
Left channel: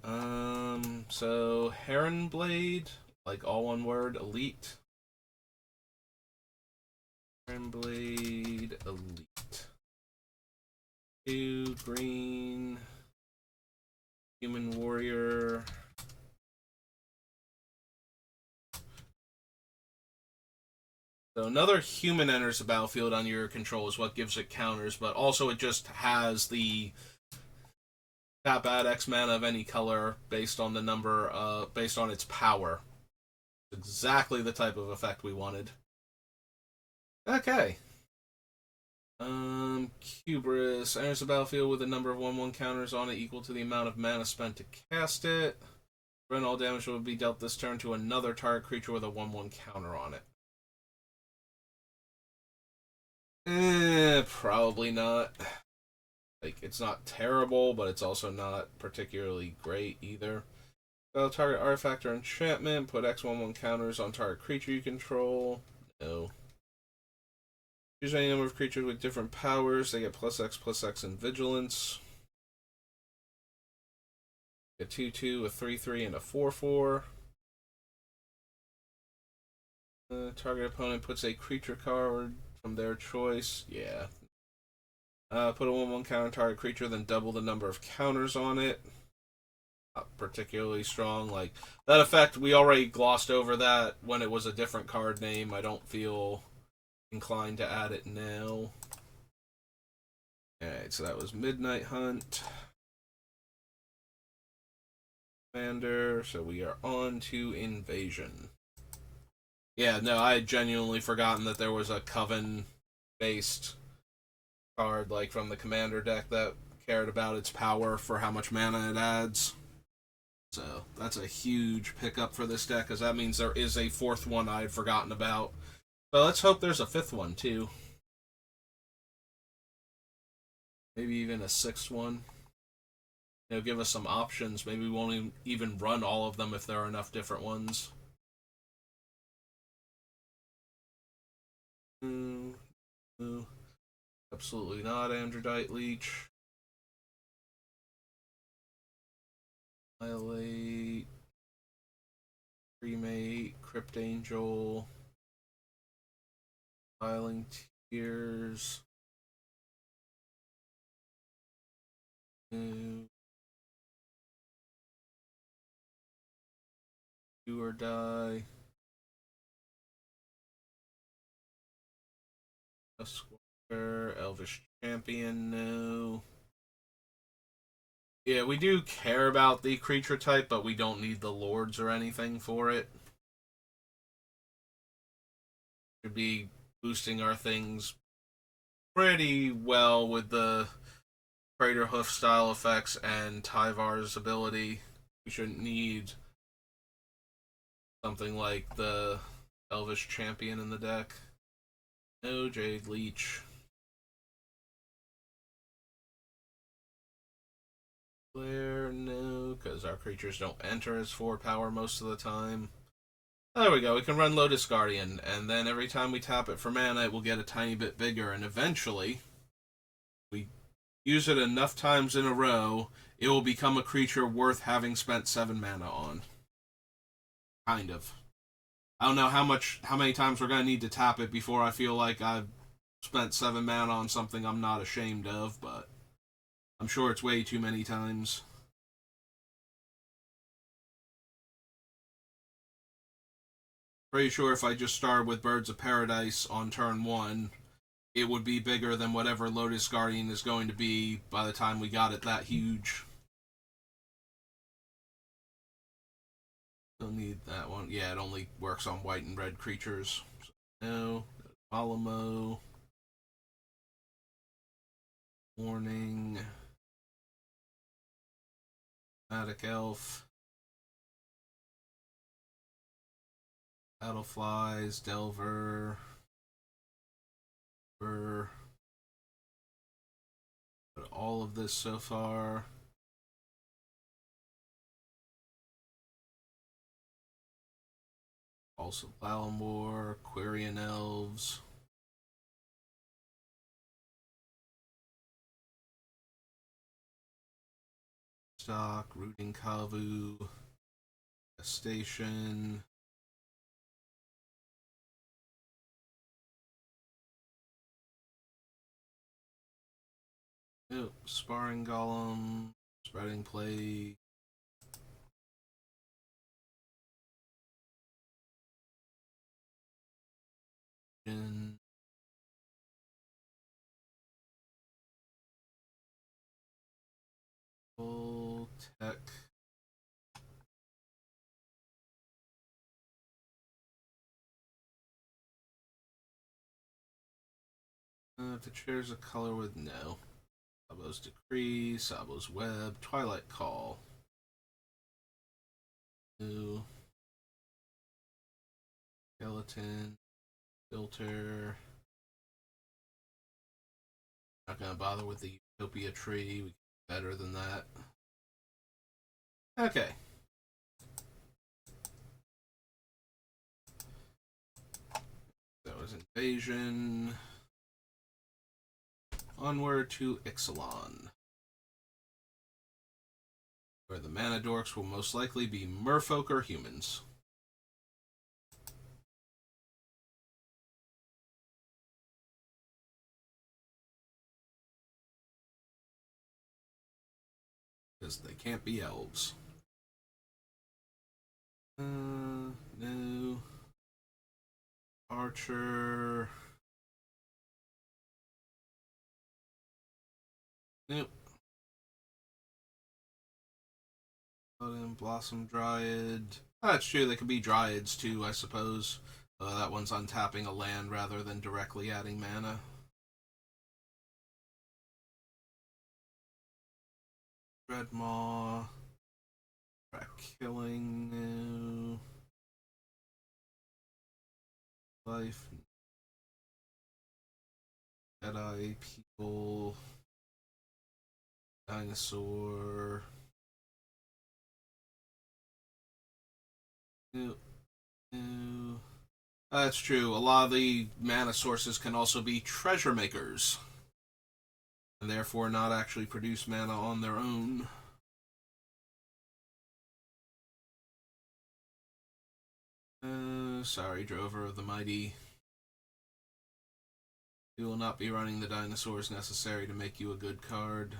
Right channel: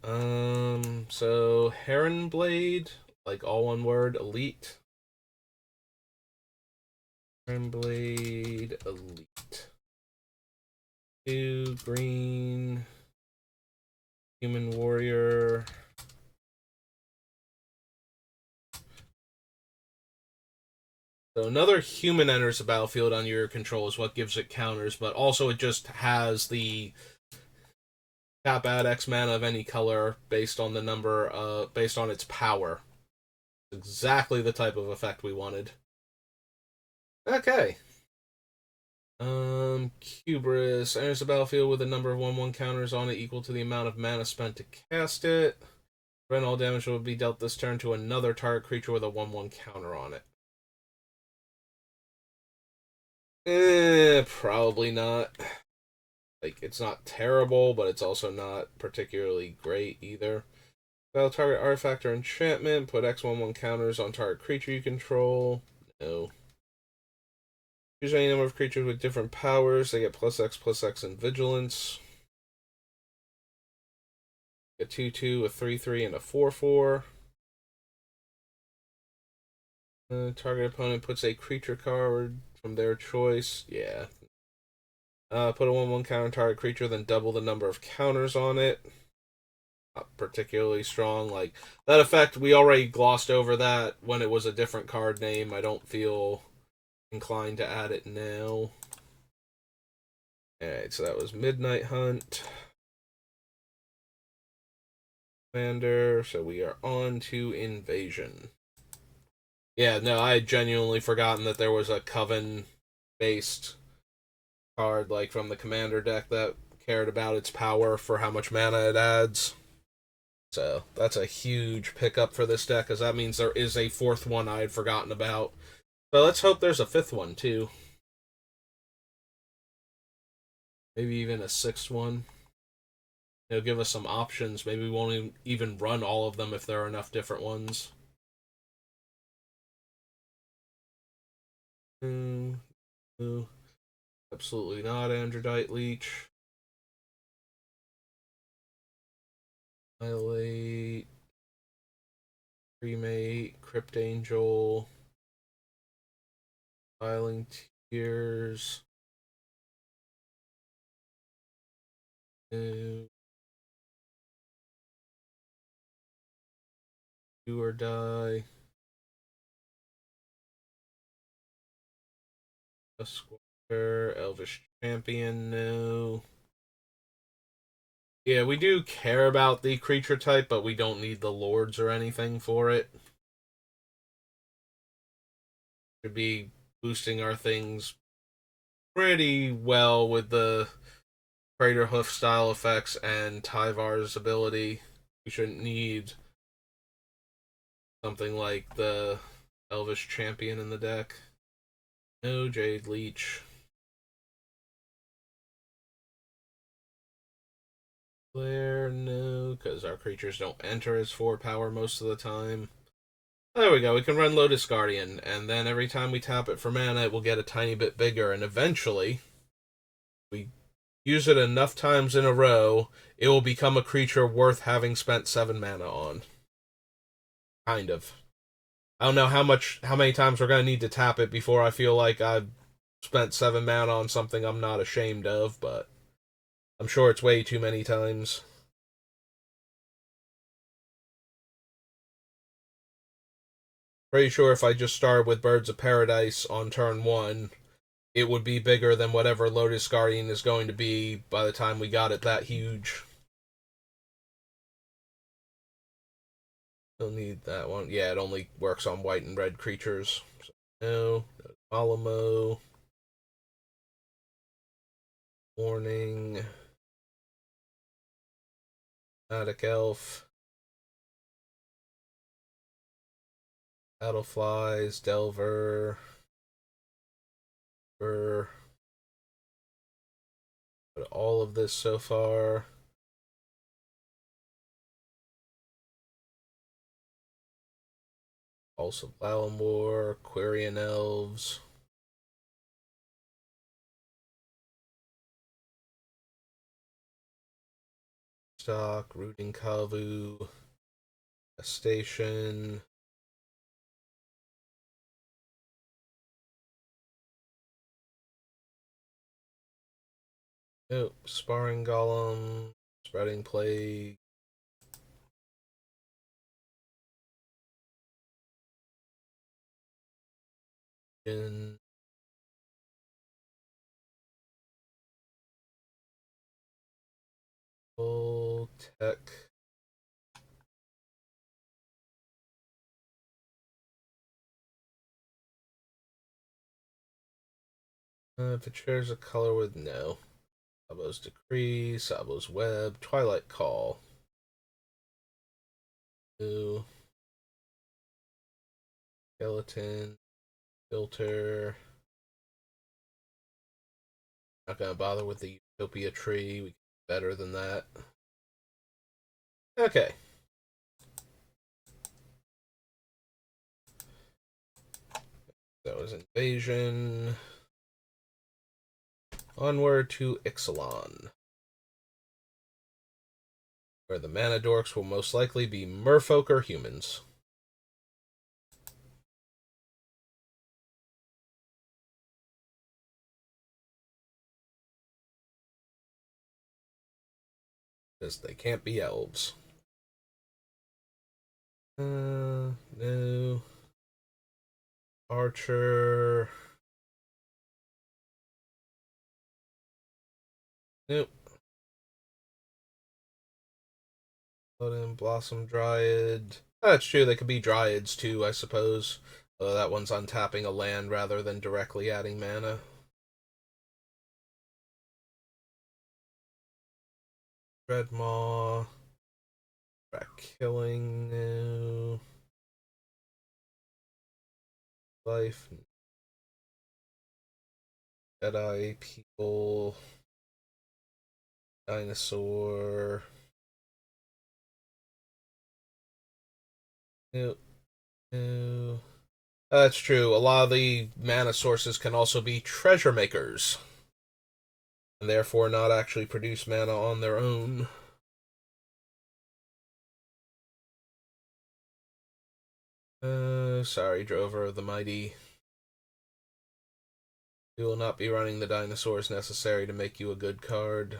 So Heron Blade, like all one word, elite. Heron Blade, elite. 2 green. Human Warrior. So another human enters the battlefield on your control is what gives it counters, but also it just has the tap add X mana of any color based on the number, based on its power. Exactly the type of effect we wanted. Okay. Cubris enters the battlefield with a number of 1/1 counters on it equal to the amount of mana spent to cast it. Prevent all damage will be dealt this turn to another target creature with a 1/1 counter on it. Probably not. Like, it's not terrible, but it's also not particularly great either. Battle target artifact or enchantment. Put X/1/1 counters on target creature you control. No. Choose any number of creatures with different powers. They get +X in vigilance. A 2/2, a 3/3, and a 4/4. Target opponent puts a creature card from their choice. Yeah. Put a 1/1 counter on target creature, then double the number of counters on it. Not particularly strong. Like, that effect, we already glossed over that when it was a different card name. I don't feel inclined to add it now. Alright, so that was Midnight Hunt. Commander, so we are on to Invasion. Yeah, no, I had genuinely forgotten that there was a Coven-based card, like, from the Commander deck that cared about its power for how much mana it adds. So that's a huge pickup for this deck, because that means there is a 4th one I had forgotten about. But let's hope there's a 5th one, too. Maybe even a 6th one. They'll give us some options. Maybe we won't even run all of them if there are enough different ones. Absolutely not, Androdite Leech. Annihilate. Cremate. Crypt Angel. Filing Tears. Do or Die. Squire. Elvish Champion, no. Yeah, we do care about the creature type, but we don't need the lords or anything for it. Should be boosting our things pretty well with the Crater Hoof style effects and Tyvar's ability. We shouldn't need something like the Elvish Champion in the deck. No Jade Leech. Flare, no, because our creatures don't enter as 4 power most of the time. There we go, we can run Lotus Guardian, and then every time we tap it for mana, it will get a tiny bit bigger, and eventually, we use it enough times in a row, it will become a creature worth having spent 7 mana on. Kind of. I don't know how many times we're gonna need to tap it before I feel like I've spent 7 mana on something I'm not ashamed of, but I'm sure it's way too many times. Pretty sure if I just started with Birds of Paradise on turn 1, it would be bigger than whatever Lotus Guardian is going to be by the time we got it that huge. Don't need that one. Yeah, it only works on white and red creatures. So, no. Alamo. Warning. Attic Elf. Battleflies. Delver. For all of this so far. Also Valamore, Quirion Elves. Stock, Rooting Kavu, Station. Oh, Sparring Golem, Spreading Plague. In Full Tech. If it shares a color with no. Sabo's Decree, Sabo's Web, Twilight Call. New. Skeleton. Filter. Not gonna bother with the Utopia Tree. We can do better than that. Okay. That was Invasion. Onward to Ixalan, where the mana dorks will most likely be merfolk or humans. Because they can't be elves. No. Archer. Nope. Put in Blossom Dryad. Oh, that's true, they could be Dryads too, I suppose. That one's untapping a land rather than directly adding mana. Dreadmaw. Track Killing. No. Life. Jedi People. Dinosaur. No. No. That's true. A lot of the mana sources can also be treasure makers, and therefore not actually produce mana on their own. Sorry, Drover of the Mighty. We will not be running the dinosaurs necessary to make you a good card.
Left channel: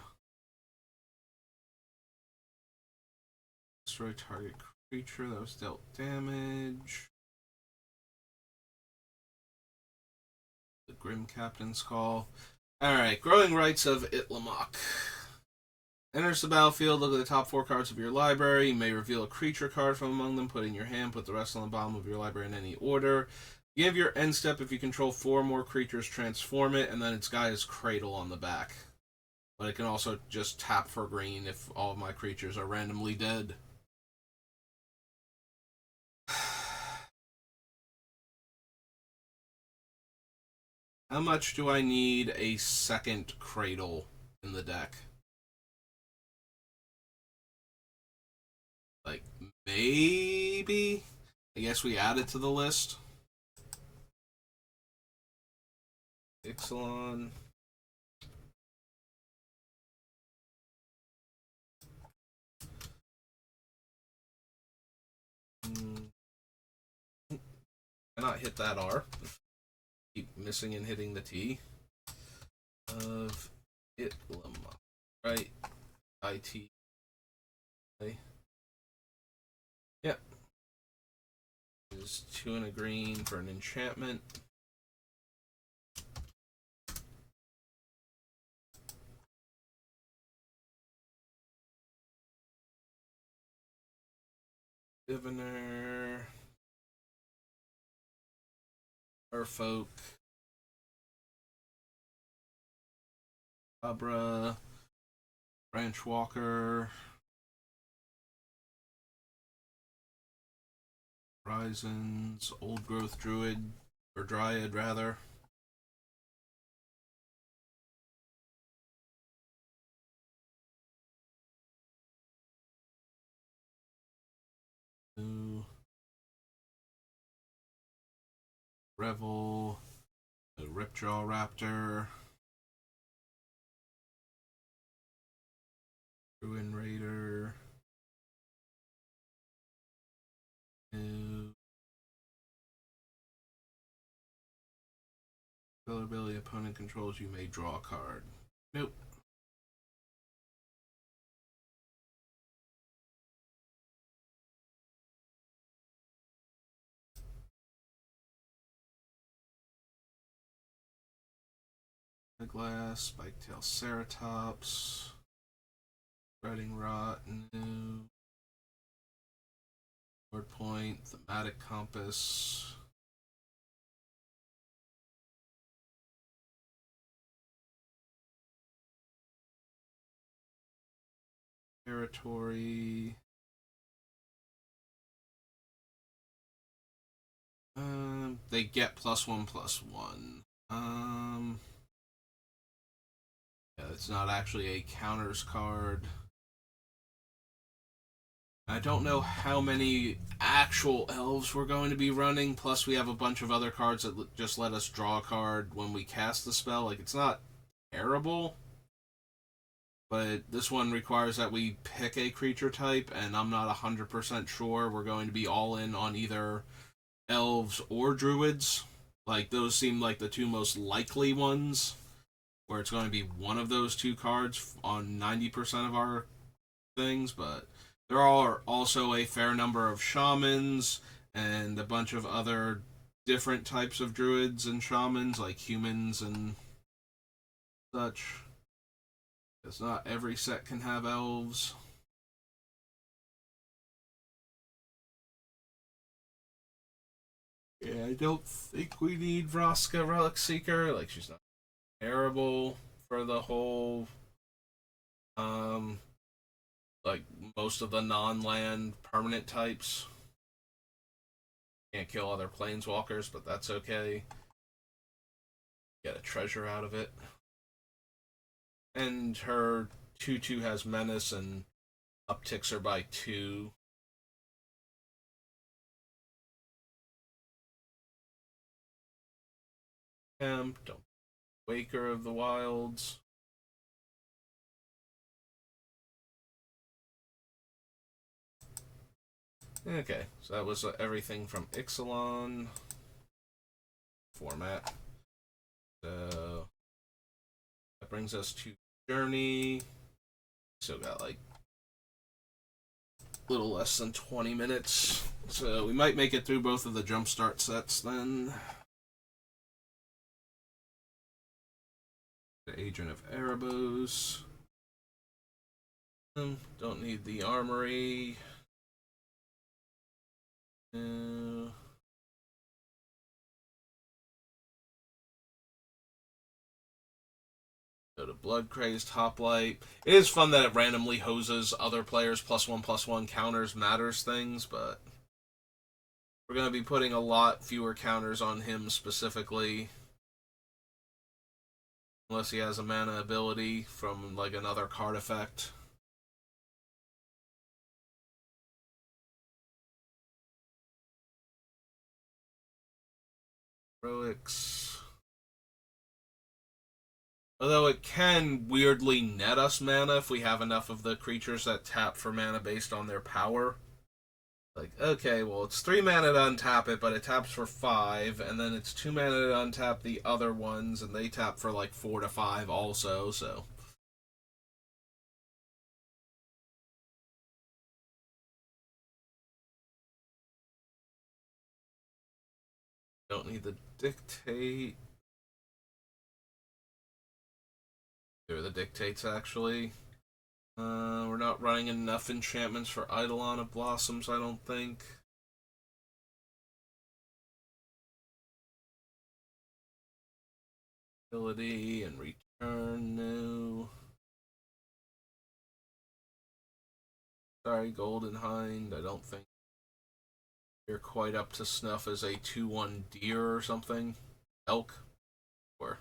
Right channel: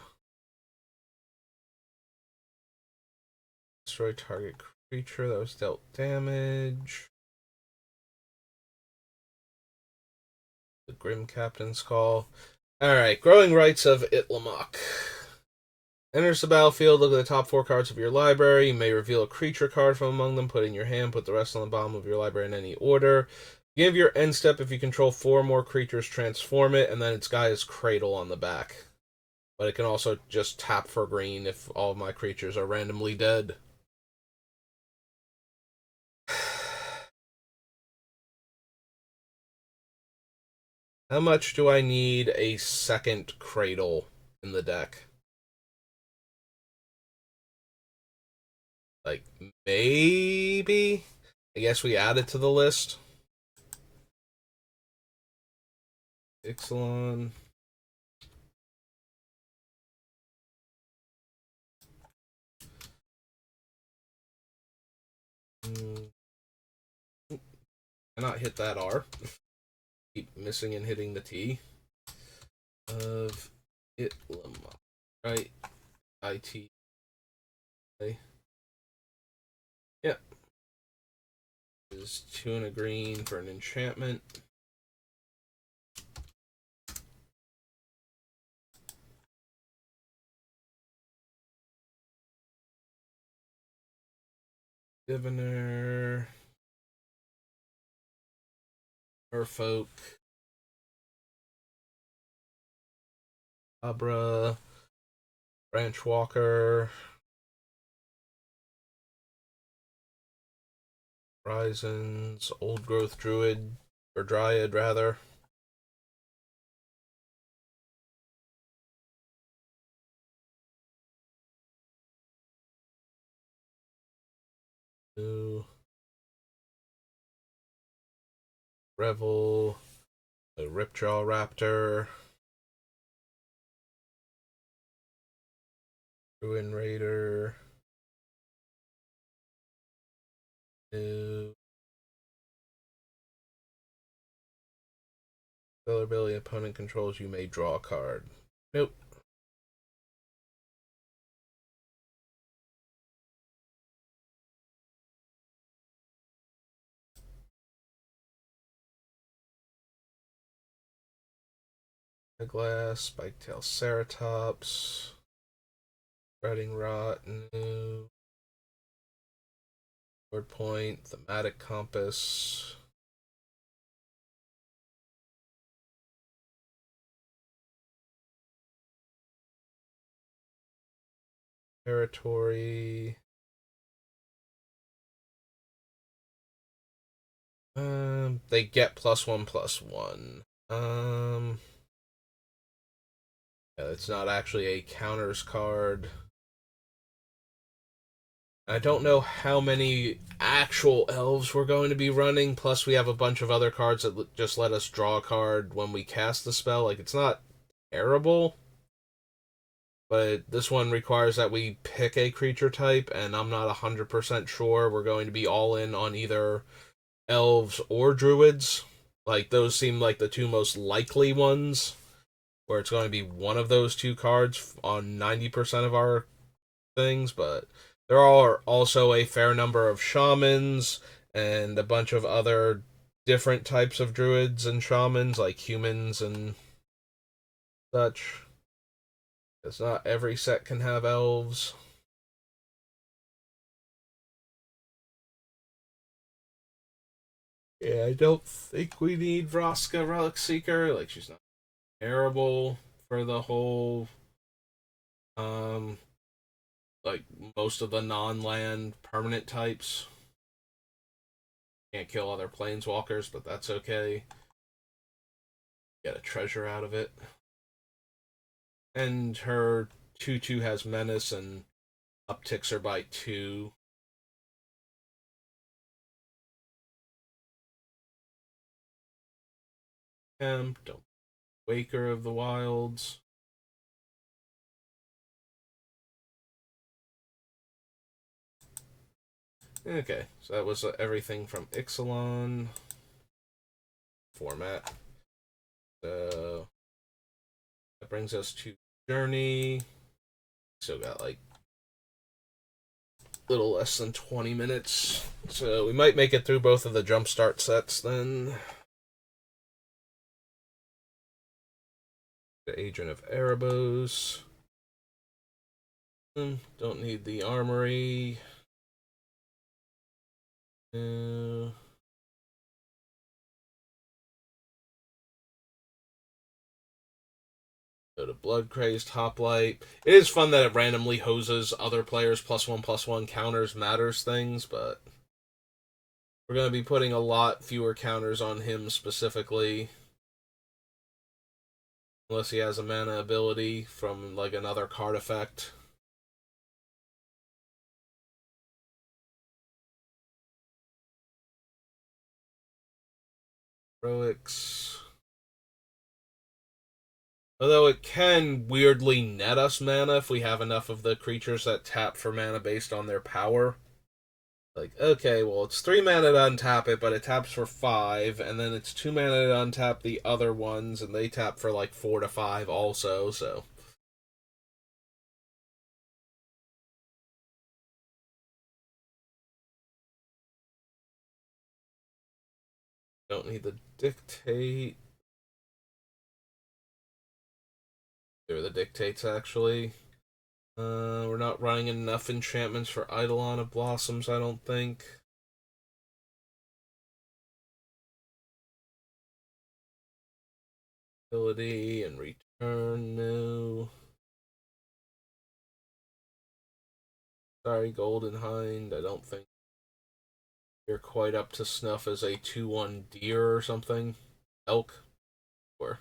Destroy target creature that was dealt damage. The Grim Captain's Call. Alright, Growing Rights of Itlamok. Enters the battlefield, look at the top 4 cards of your library. You may reveal a creature card from among them, put it in your hand, put the rest on the bottom of your library in any order. Give your end step if you control 4 more creatures, transform it, and then it's got his Cradle on the back. But it can also just tap for green if all of my creatures are randomly dead. How much do I need a second Cradle in the deck? Like, maybe? I guess we add it to the list. Ixalan. Cannot hit that R. Keep missing and hitting the T. of Itlam. Right? IT. Yep. Is 2 and a green for an enchantment. Diviner. Merfolk. Abra. Branch Walker. Horizons. Old Growth Druid. Or Dryad, rather. New. Revel. A Ripjaw Raptor. Ruin Raider. New. Color ability opponent controls, you may draw a card. Nope. Glass, Spiketail Ceratops, Spreading Rot, New, Word Point, Thematic Compass, Territory. They get +1/+1. Yeah, it's not actually a counters card. I don't know how many actual elves we're going to be running. Plus, we have a bunch of other cards that just let us draw a card when we cast the spell. Like, it's not terrible, but this one requires that we pick a creature type, and I'm not 100% sure we're going to be all in on either elves or druids. Like, those seem like the two most likely ones, where it's going to be one of those two cards on 90% of our things, but there are also a fair number of shamans and a bunch of other different types of druids and shamans, like humans and such. Because not every set can have elves. Yeah, I don't think we need Vraska Relic Seeker. Like, she's not terrible for the whole, um, like, most of the non-land permanent types. Can't kill other planeswalkers, but that's okay. Get a treasure out of it. And her 2/2 has menace and upticks her by 2. Don't Waker of the Wilds. Okay, so that was everything from Ixalan format. So that brings us to Journey. Still got like a little less than 20 minutes. So we might make it through both of the Jumpstart sets then. The Agent of Erebos. Don't need the Armory. Uh, Go to Blood Crazed Hoplite. It is fun that it randomly hoses other players +1/+1 counters matters things, but we're going to be putting a lot fewer counters on him specifically. Unless he has a mana ability from like another card effect. Heroics. Although it can weirdly net us mana if we have enough of the creatures that tap for mana based on their power. Like, okay, well, it's 3 mana to untap it, but it taps for 5, and then it's 2 mana to untap the other ones, and they tap for like 4 to 5 also, so. Don't need the dictate. They're the dictates, actually. We're not running enough enchantments for Eidolon of Blossoms, I don't think. Ability and return, no. Sorry, Golden Hind, I don't think you're quite up to snuff as a 2/1 deer or something. Elk, or.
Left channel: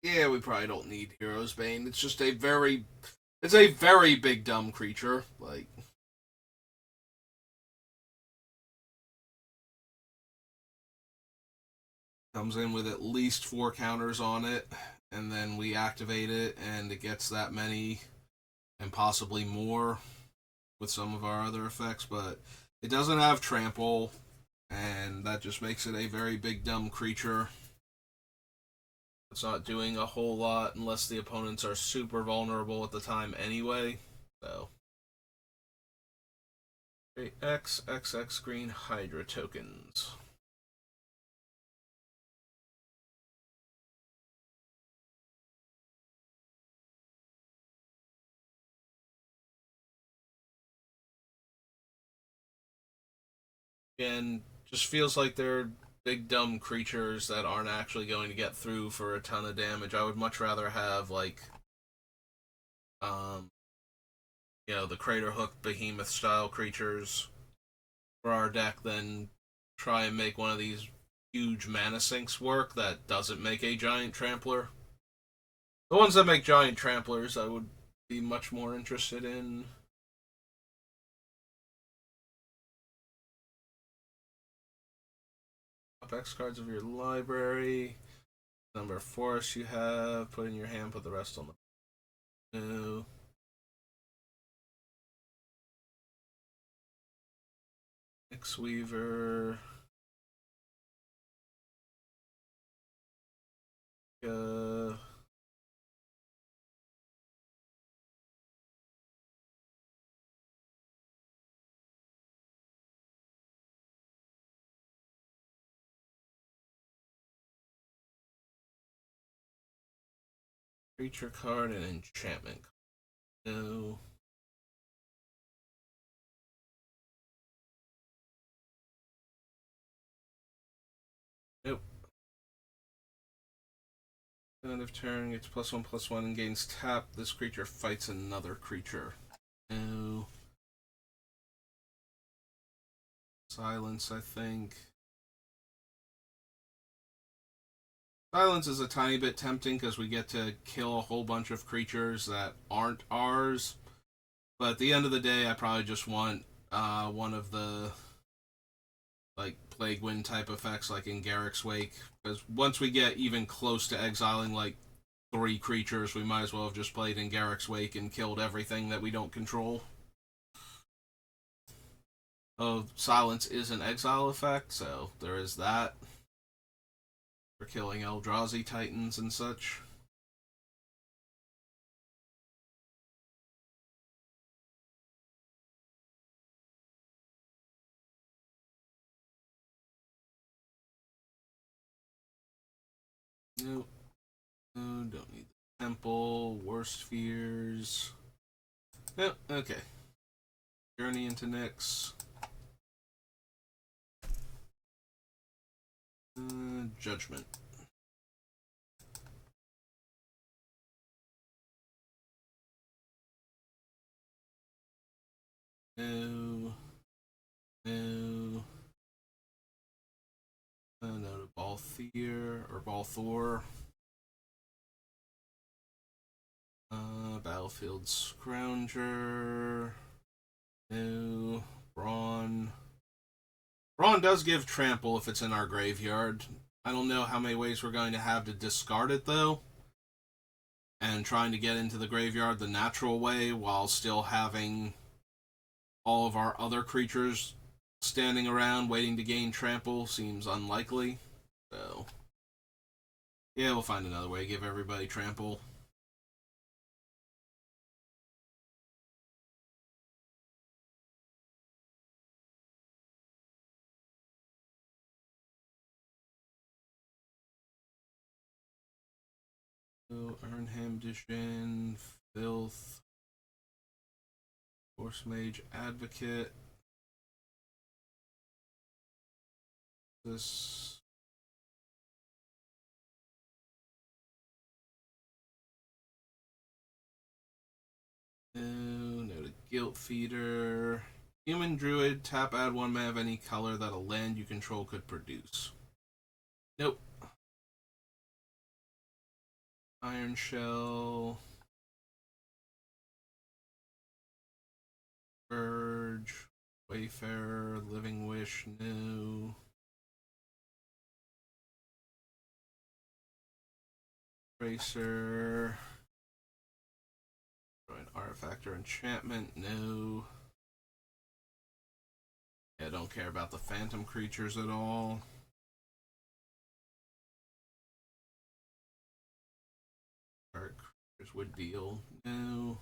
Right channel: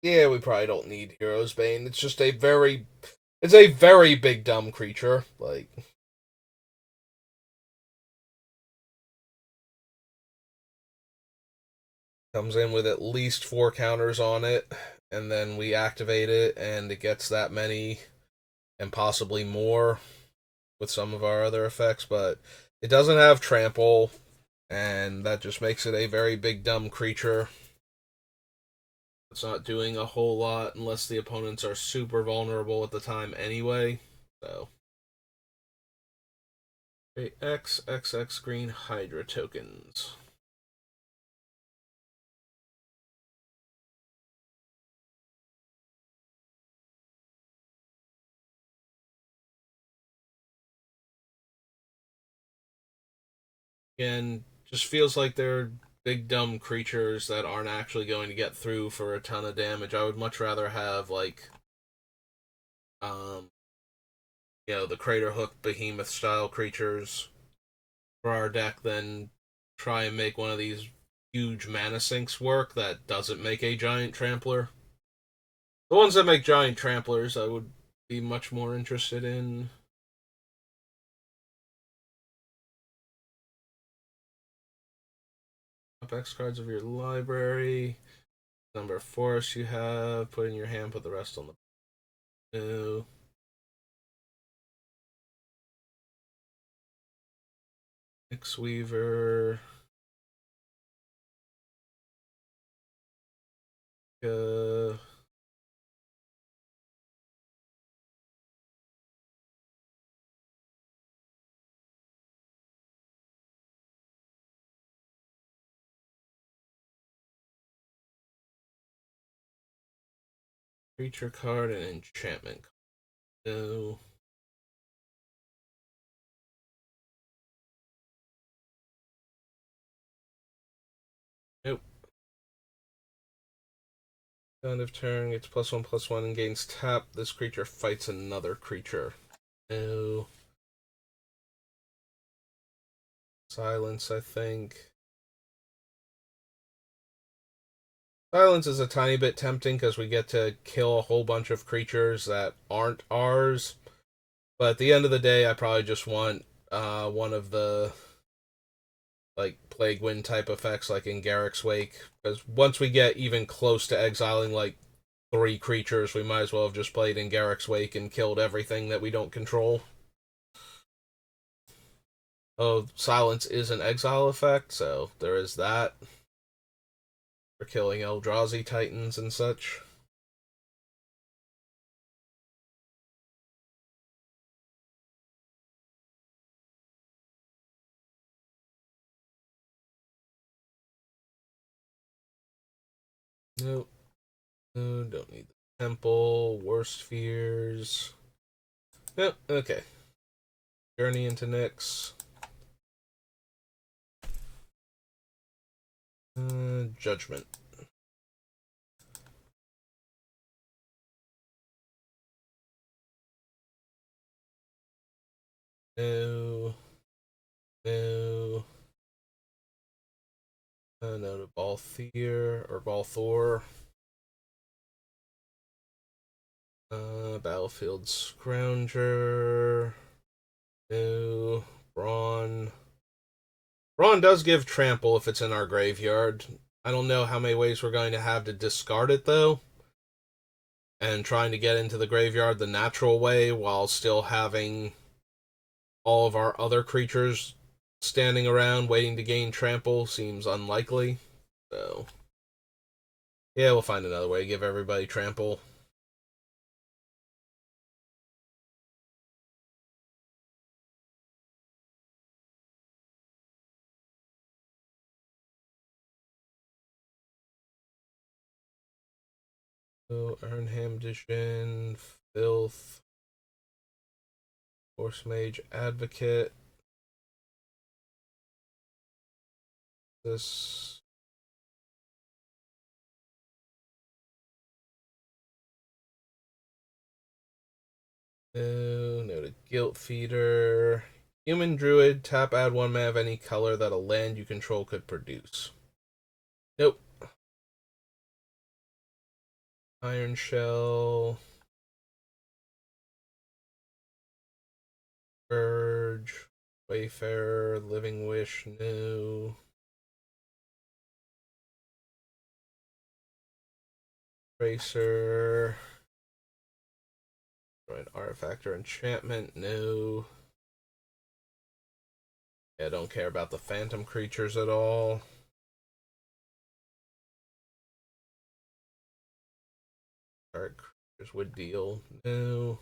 Yeah, we probably don't need Hero's Bane. It's just it's a very big dumb creature. Like, comes in with at least 4 counters on it, and then we activate it, and it gets that many and possibly more with some of our other effects, but it doesn't have trample, and that just makes it a very big dumb creature. It's not doing a whole lot unless the opponents are super vulnerable at the time anyway. So, okay, XXX green Hydra tokens. And just feels like they're big dumb creatures that aren't actually going to get through for a ton of damage. I would much rather have like um the Crater Hook Behemoth style creatures for our deck than try and make one of these huge mana sinks work that doesn't make a giant trampler. The ones that make giant tramplers I would be much more interested in. Top X cards of your library. Number of forests you have, put in your hand, put the rest on the new. X Weaver. Uh, Creature card and enchantment. No. Nope. End of turn gets +1/+1 and gains tap. This creature fights another creature. No. Silence, I think. Silence is a tiny bit tempting because we get to kill a whole bunch of creatures that aren't ours. But at the end of the day, I probably just want one of the like Plague Wind type effects, like in Garrick's Wake. Because once we get even close to exiling like 3 creatures, we might as well have just played in Garrick's Wake and killed everything that we don't control. Oh, Silence is an exile effect, so there is that for killing Eldrazi Titans and such. Nope. No, don't need the temple. Worst fears. Nope. Okay. Journey into Nyx. Judgment. No. No. No to Balthier or Balthor. Battlefield Scrounger. No. Brawn. Ron does give trample if it's in our graveyard. I don't know how many ways we're going to have to discard it though, and trying to get into the graveyard the natural way while still having all of our other creatures standing around waiting to gain trample seems unlikely. So, yeah, we'll find another way. Give everybody trample. So, Earnham Edition, Filth, Force Mage Advocate. This. No to Guilt Feeder. Human Druid, tap, add 1 mana of any color that a land you control could produce. Nope. Iron Shell. Urge. Wayfarer, Living Wish, no. Tracer. An artifact or enchantment, no. I don't care about the phantom creatures at all. Dark creatures would deal, no.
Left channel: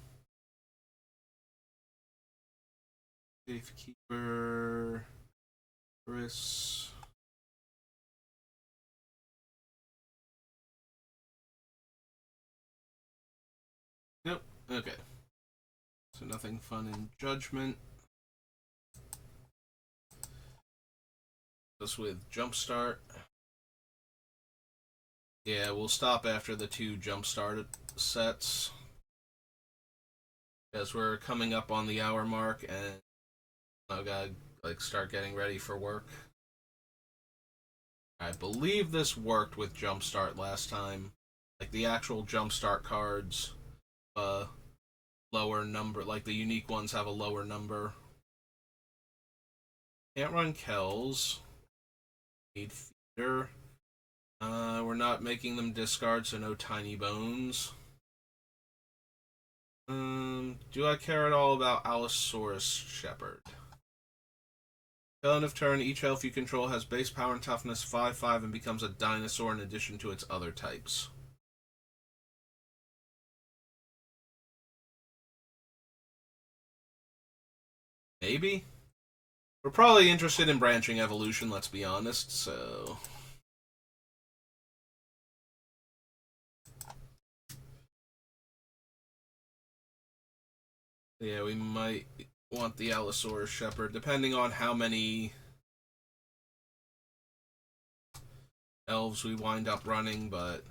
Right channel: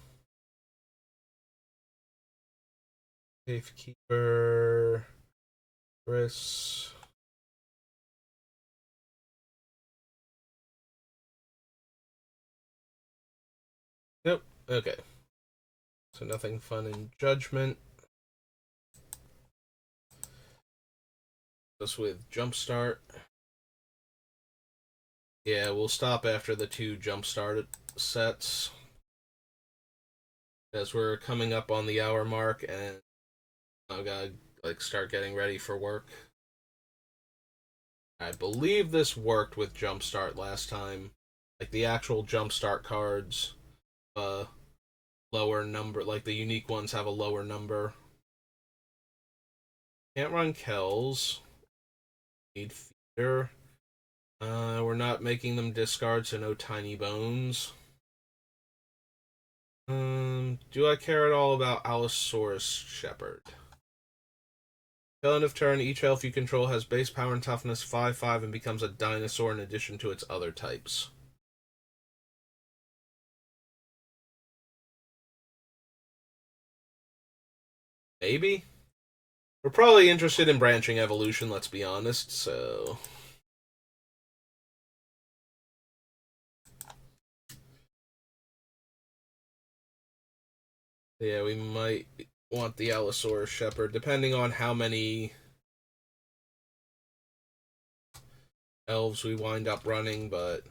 Safekeeper. Chris. Nope. Okay. So nothing fun in Judgment. Just with Jumpstart. Yeah, we'll stop after the 2 Jumpstart sets. As we're coming up on the hour mark and I've gotta start getting ready for work. I believe this worked with Jumpstart last time. Like the actual Jumpstart cards, lower number. Like the unique ones have a lower number. Can't run Kells. Need Feeder. We're not making them discard, so no Tiny Bones. Do I care at all about Allosaurus Shepherd? Till end of turn, each elf you control has base power and toughness 5/5 and becomes a dinosaur in addition to its other types. Maybe? We're probably interested in branching evolution, let's be honest, so. Yeah, we might want the Allosaurus Shepherd, depending on how many elves we wind up running, but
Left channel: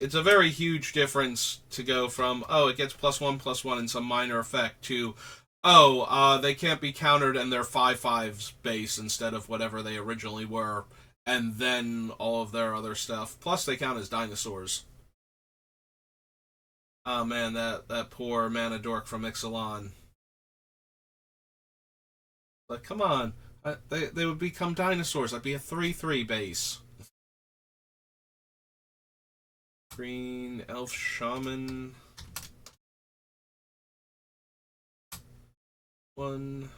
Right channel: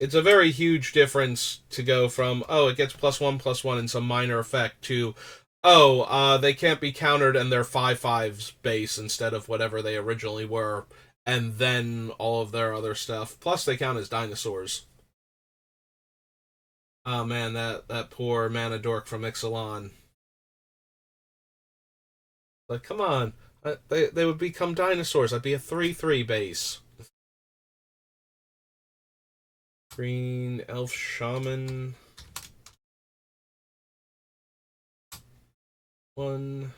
it's a very huge difference to go from, oh, it gets +1/+1 and some minor effect to, oh, they can't be countered and they're 5/5s base instead of whatever they originally were, and then all of their other stuff. Plus, they count as dinosaurs. Oh man, that poor mana dork from Ixalan. Like, come on. They would become dinosaurs. I'd be a 3/3 base. Green Elf Shaman. 1.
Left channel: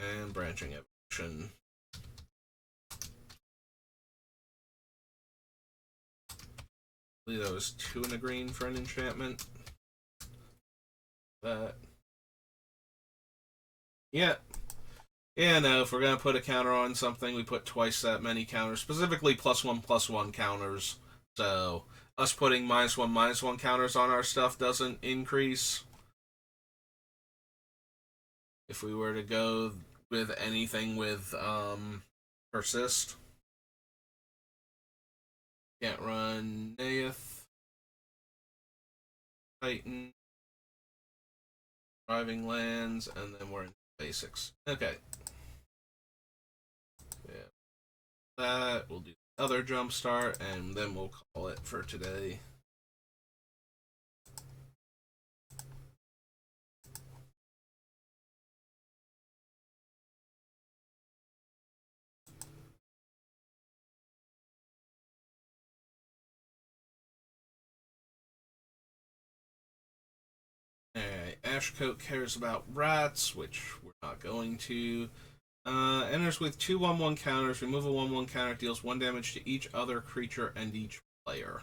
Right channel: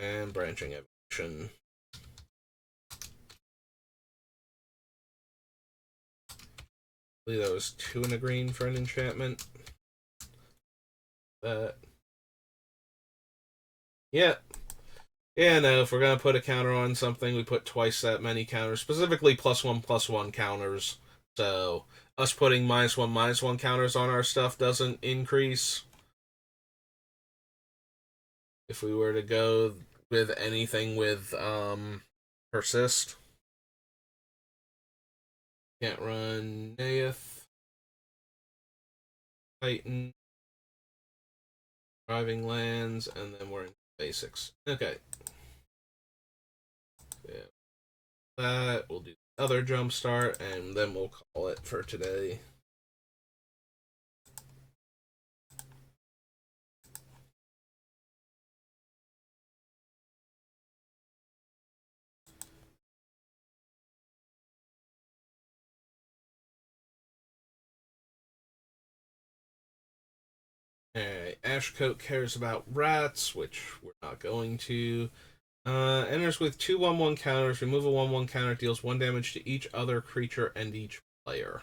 And Branching Evolution. I believe that was 2 and a green for an enchantment. That. Yeah. Yeah, no, if we're going to put a counter on something, we put twice that many counters, specifically +1/+1 counters. So, us putting -1/-1 counters on our stuff doesn't increase. If we were to go with anything with persist. Can't run Naeth, Titan, Driving Lands, and then we're in basics. Okay. Yeah. That, we'll do the other Jumpstart, and then we'll call it for today. Ashcoat cares about rats, which we're not going to. Enters with two 1/1 counters. Remove a 1/1 counter. Deals 1 damage to each other creature and each player.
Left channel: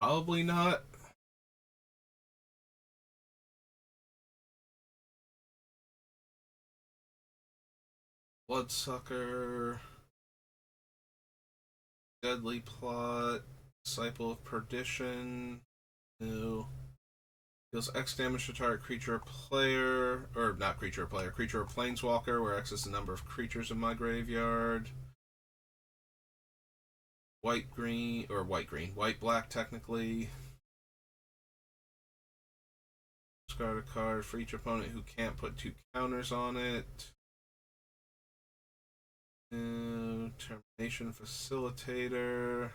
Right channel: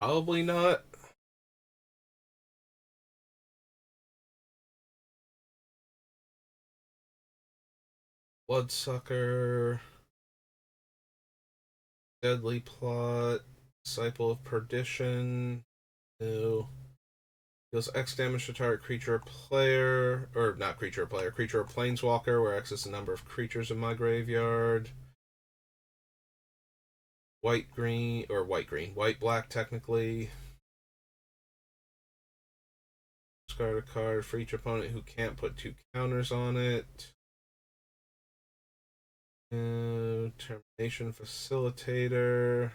Probably not. Bloodsucker. Deadly Plot. Disciple of Perdition. No. Deals X damage to target creature or player. Or not creature or player. Creature or planeswalker, where X is the number of creatures in my graveyard. White green. Or white green. White black, technically. Discard a card for each opponent who can't put 2 counters on it. Termination Facilitator.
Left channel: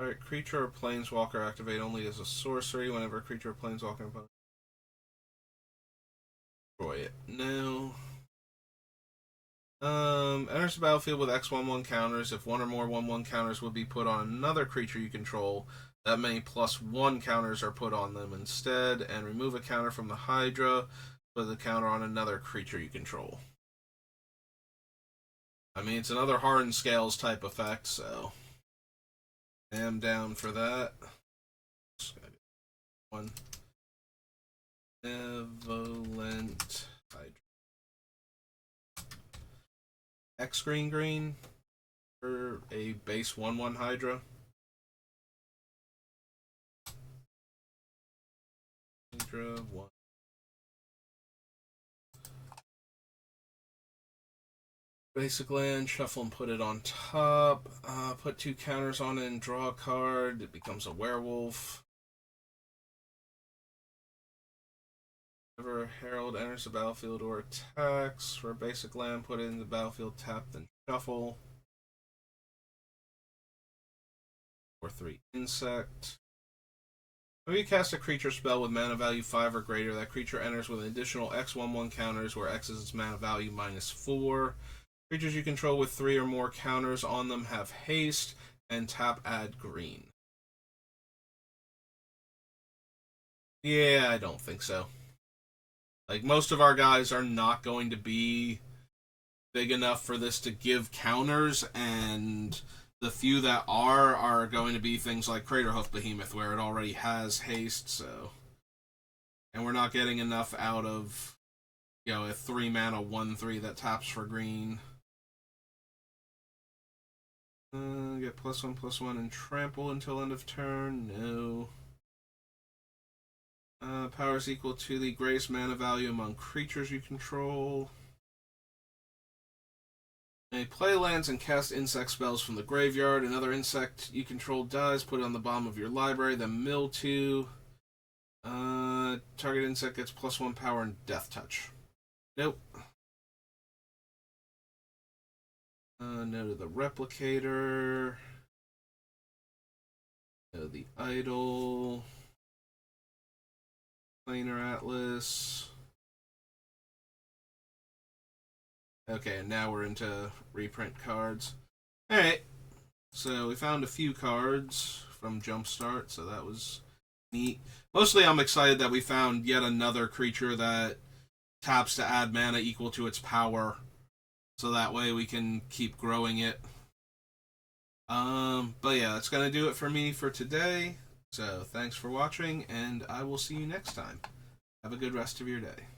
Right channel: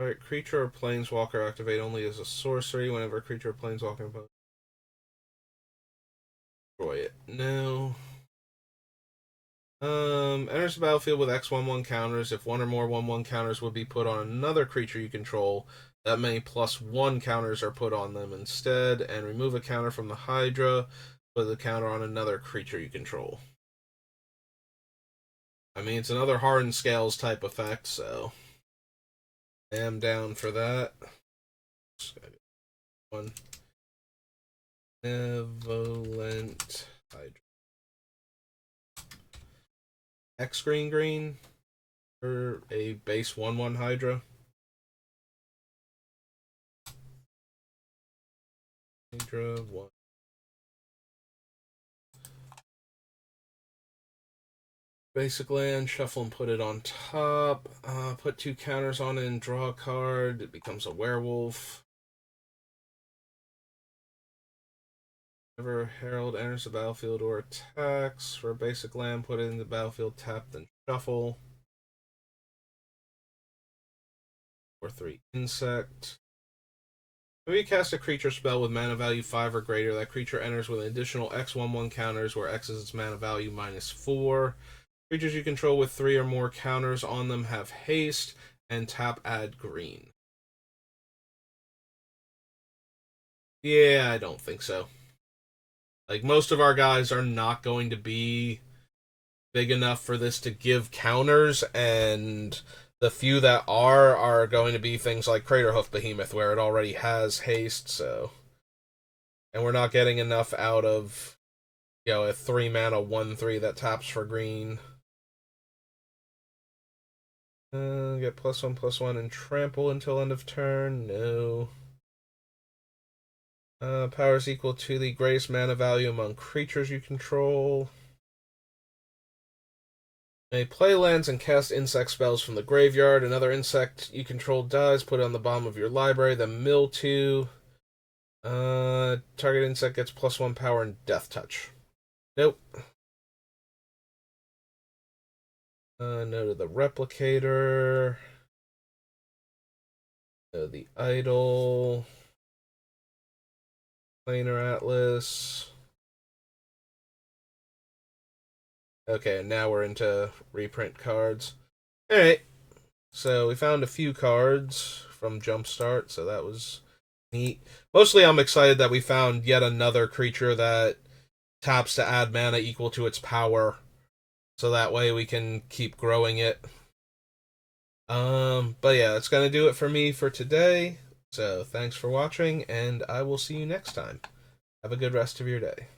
Alright, creature or planeswalker activate only as a sorcery whenever a creature or planeswalker opponent. Destroy it. No. Enters the battlefield with X/1/1 counters. If one or more 1/1 counters would be put on another creature you control, that many +1 counters are put on them instead, and remove a counter from the Hydra, put the counter on another creature you control. I mean, it's another Hardened Scales type effect, so I am down for that. One. Benevolent Hydra. X green green for a base 1/1 Hydra. Hydra 1. Basic land, shuffle and put it on top. Put 2 counters on it and draw a card. It becomes a werewolf. Whenever Herald enters the battlefield or attacks, for a basic land, put it in the battlefield, tap, then shuffle. Or 3 insect. When you cast a creature spell with mana value 5 or greater, that creature enters with an additional X/1/1 counters, where X is its mana value -4. Creatures you control with 3 or more counters on them have haste, and tap add green. Yeah, I don't think so. Like, most of our guys are not going to be big enough for this to give counters, and the few that are going to be things like Craterhoof Behemoth, where it already has haste, so. And we're not getting enough out of, a 3 mana 1/3 that taps for green. Get +1/+1 and trample until end of turn. No. Power is equal to the greatest mana value among creatures you control. May play lands and cast insect spells from the graveyard. Another insect you control dies, put it on the bottom of your library, then mill 2. Target insect gets +1 power and death touch. Nope. No to the replicator. No the idol. Planar Atlas. Okay, now we're into reprint cards. Alright, so we found a few cards from Jumpstart, so that was neat. Mostly I'm excited that we found yet another creature that taps to add mana equal to its power, so that way we can keep growing it. But yeah, that's gonna do it for me for today. So thanks for watching, and I will see you next time. Have a good rest of your day.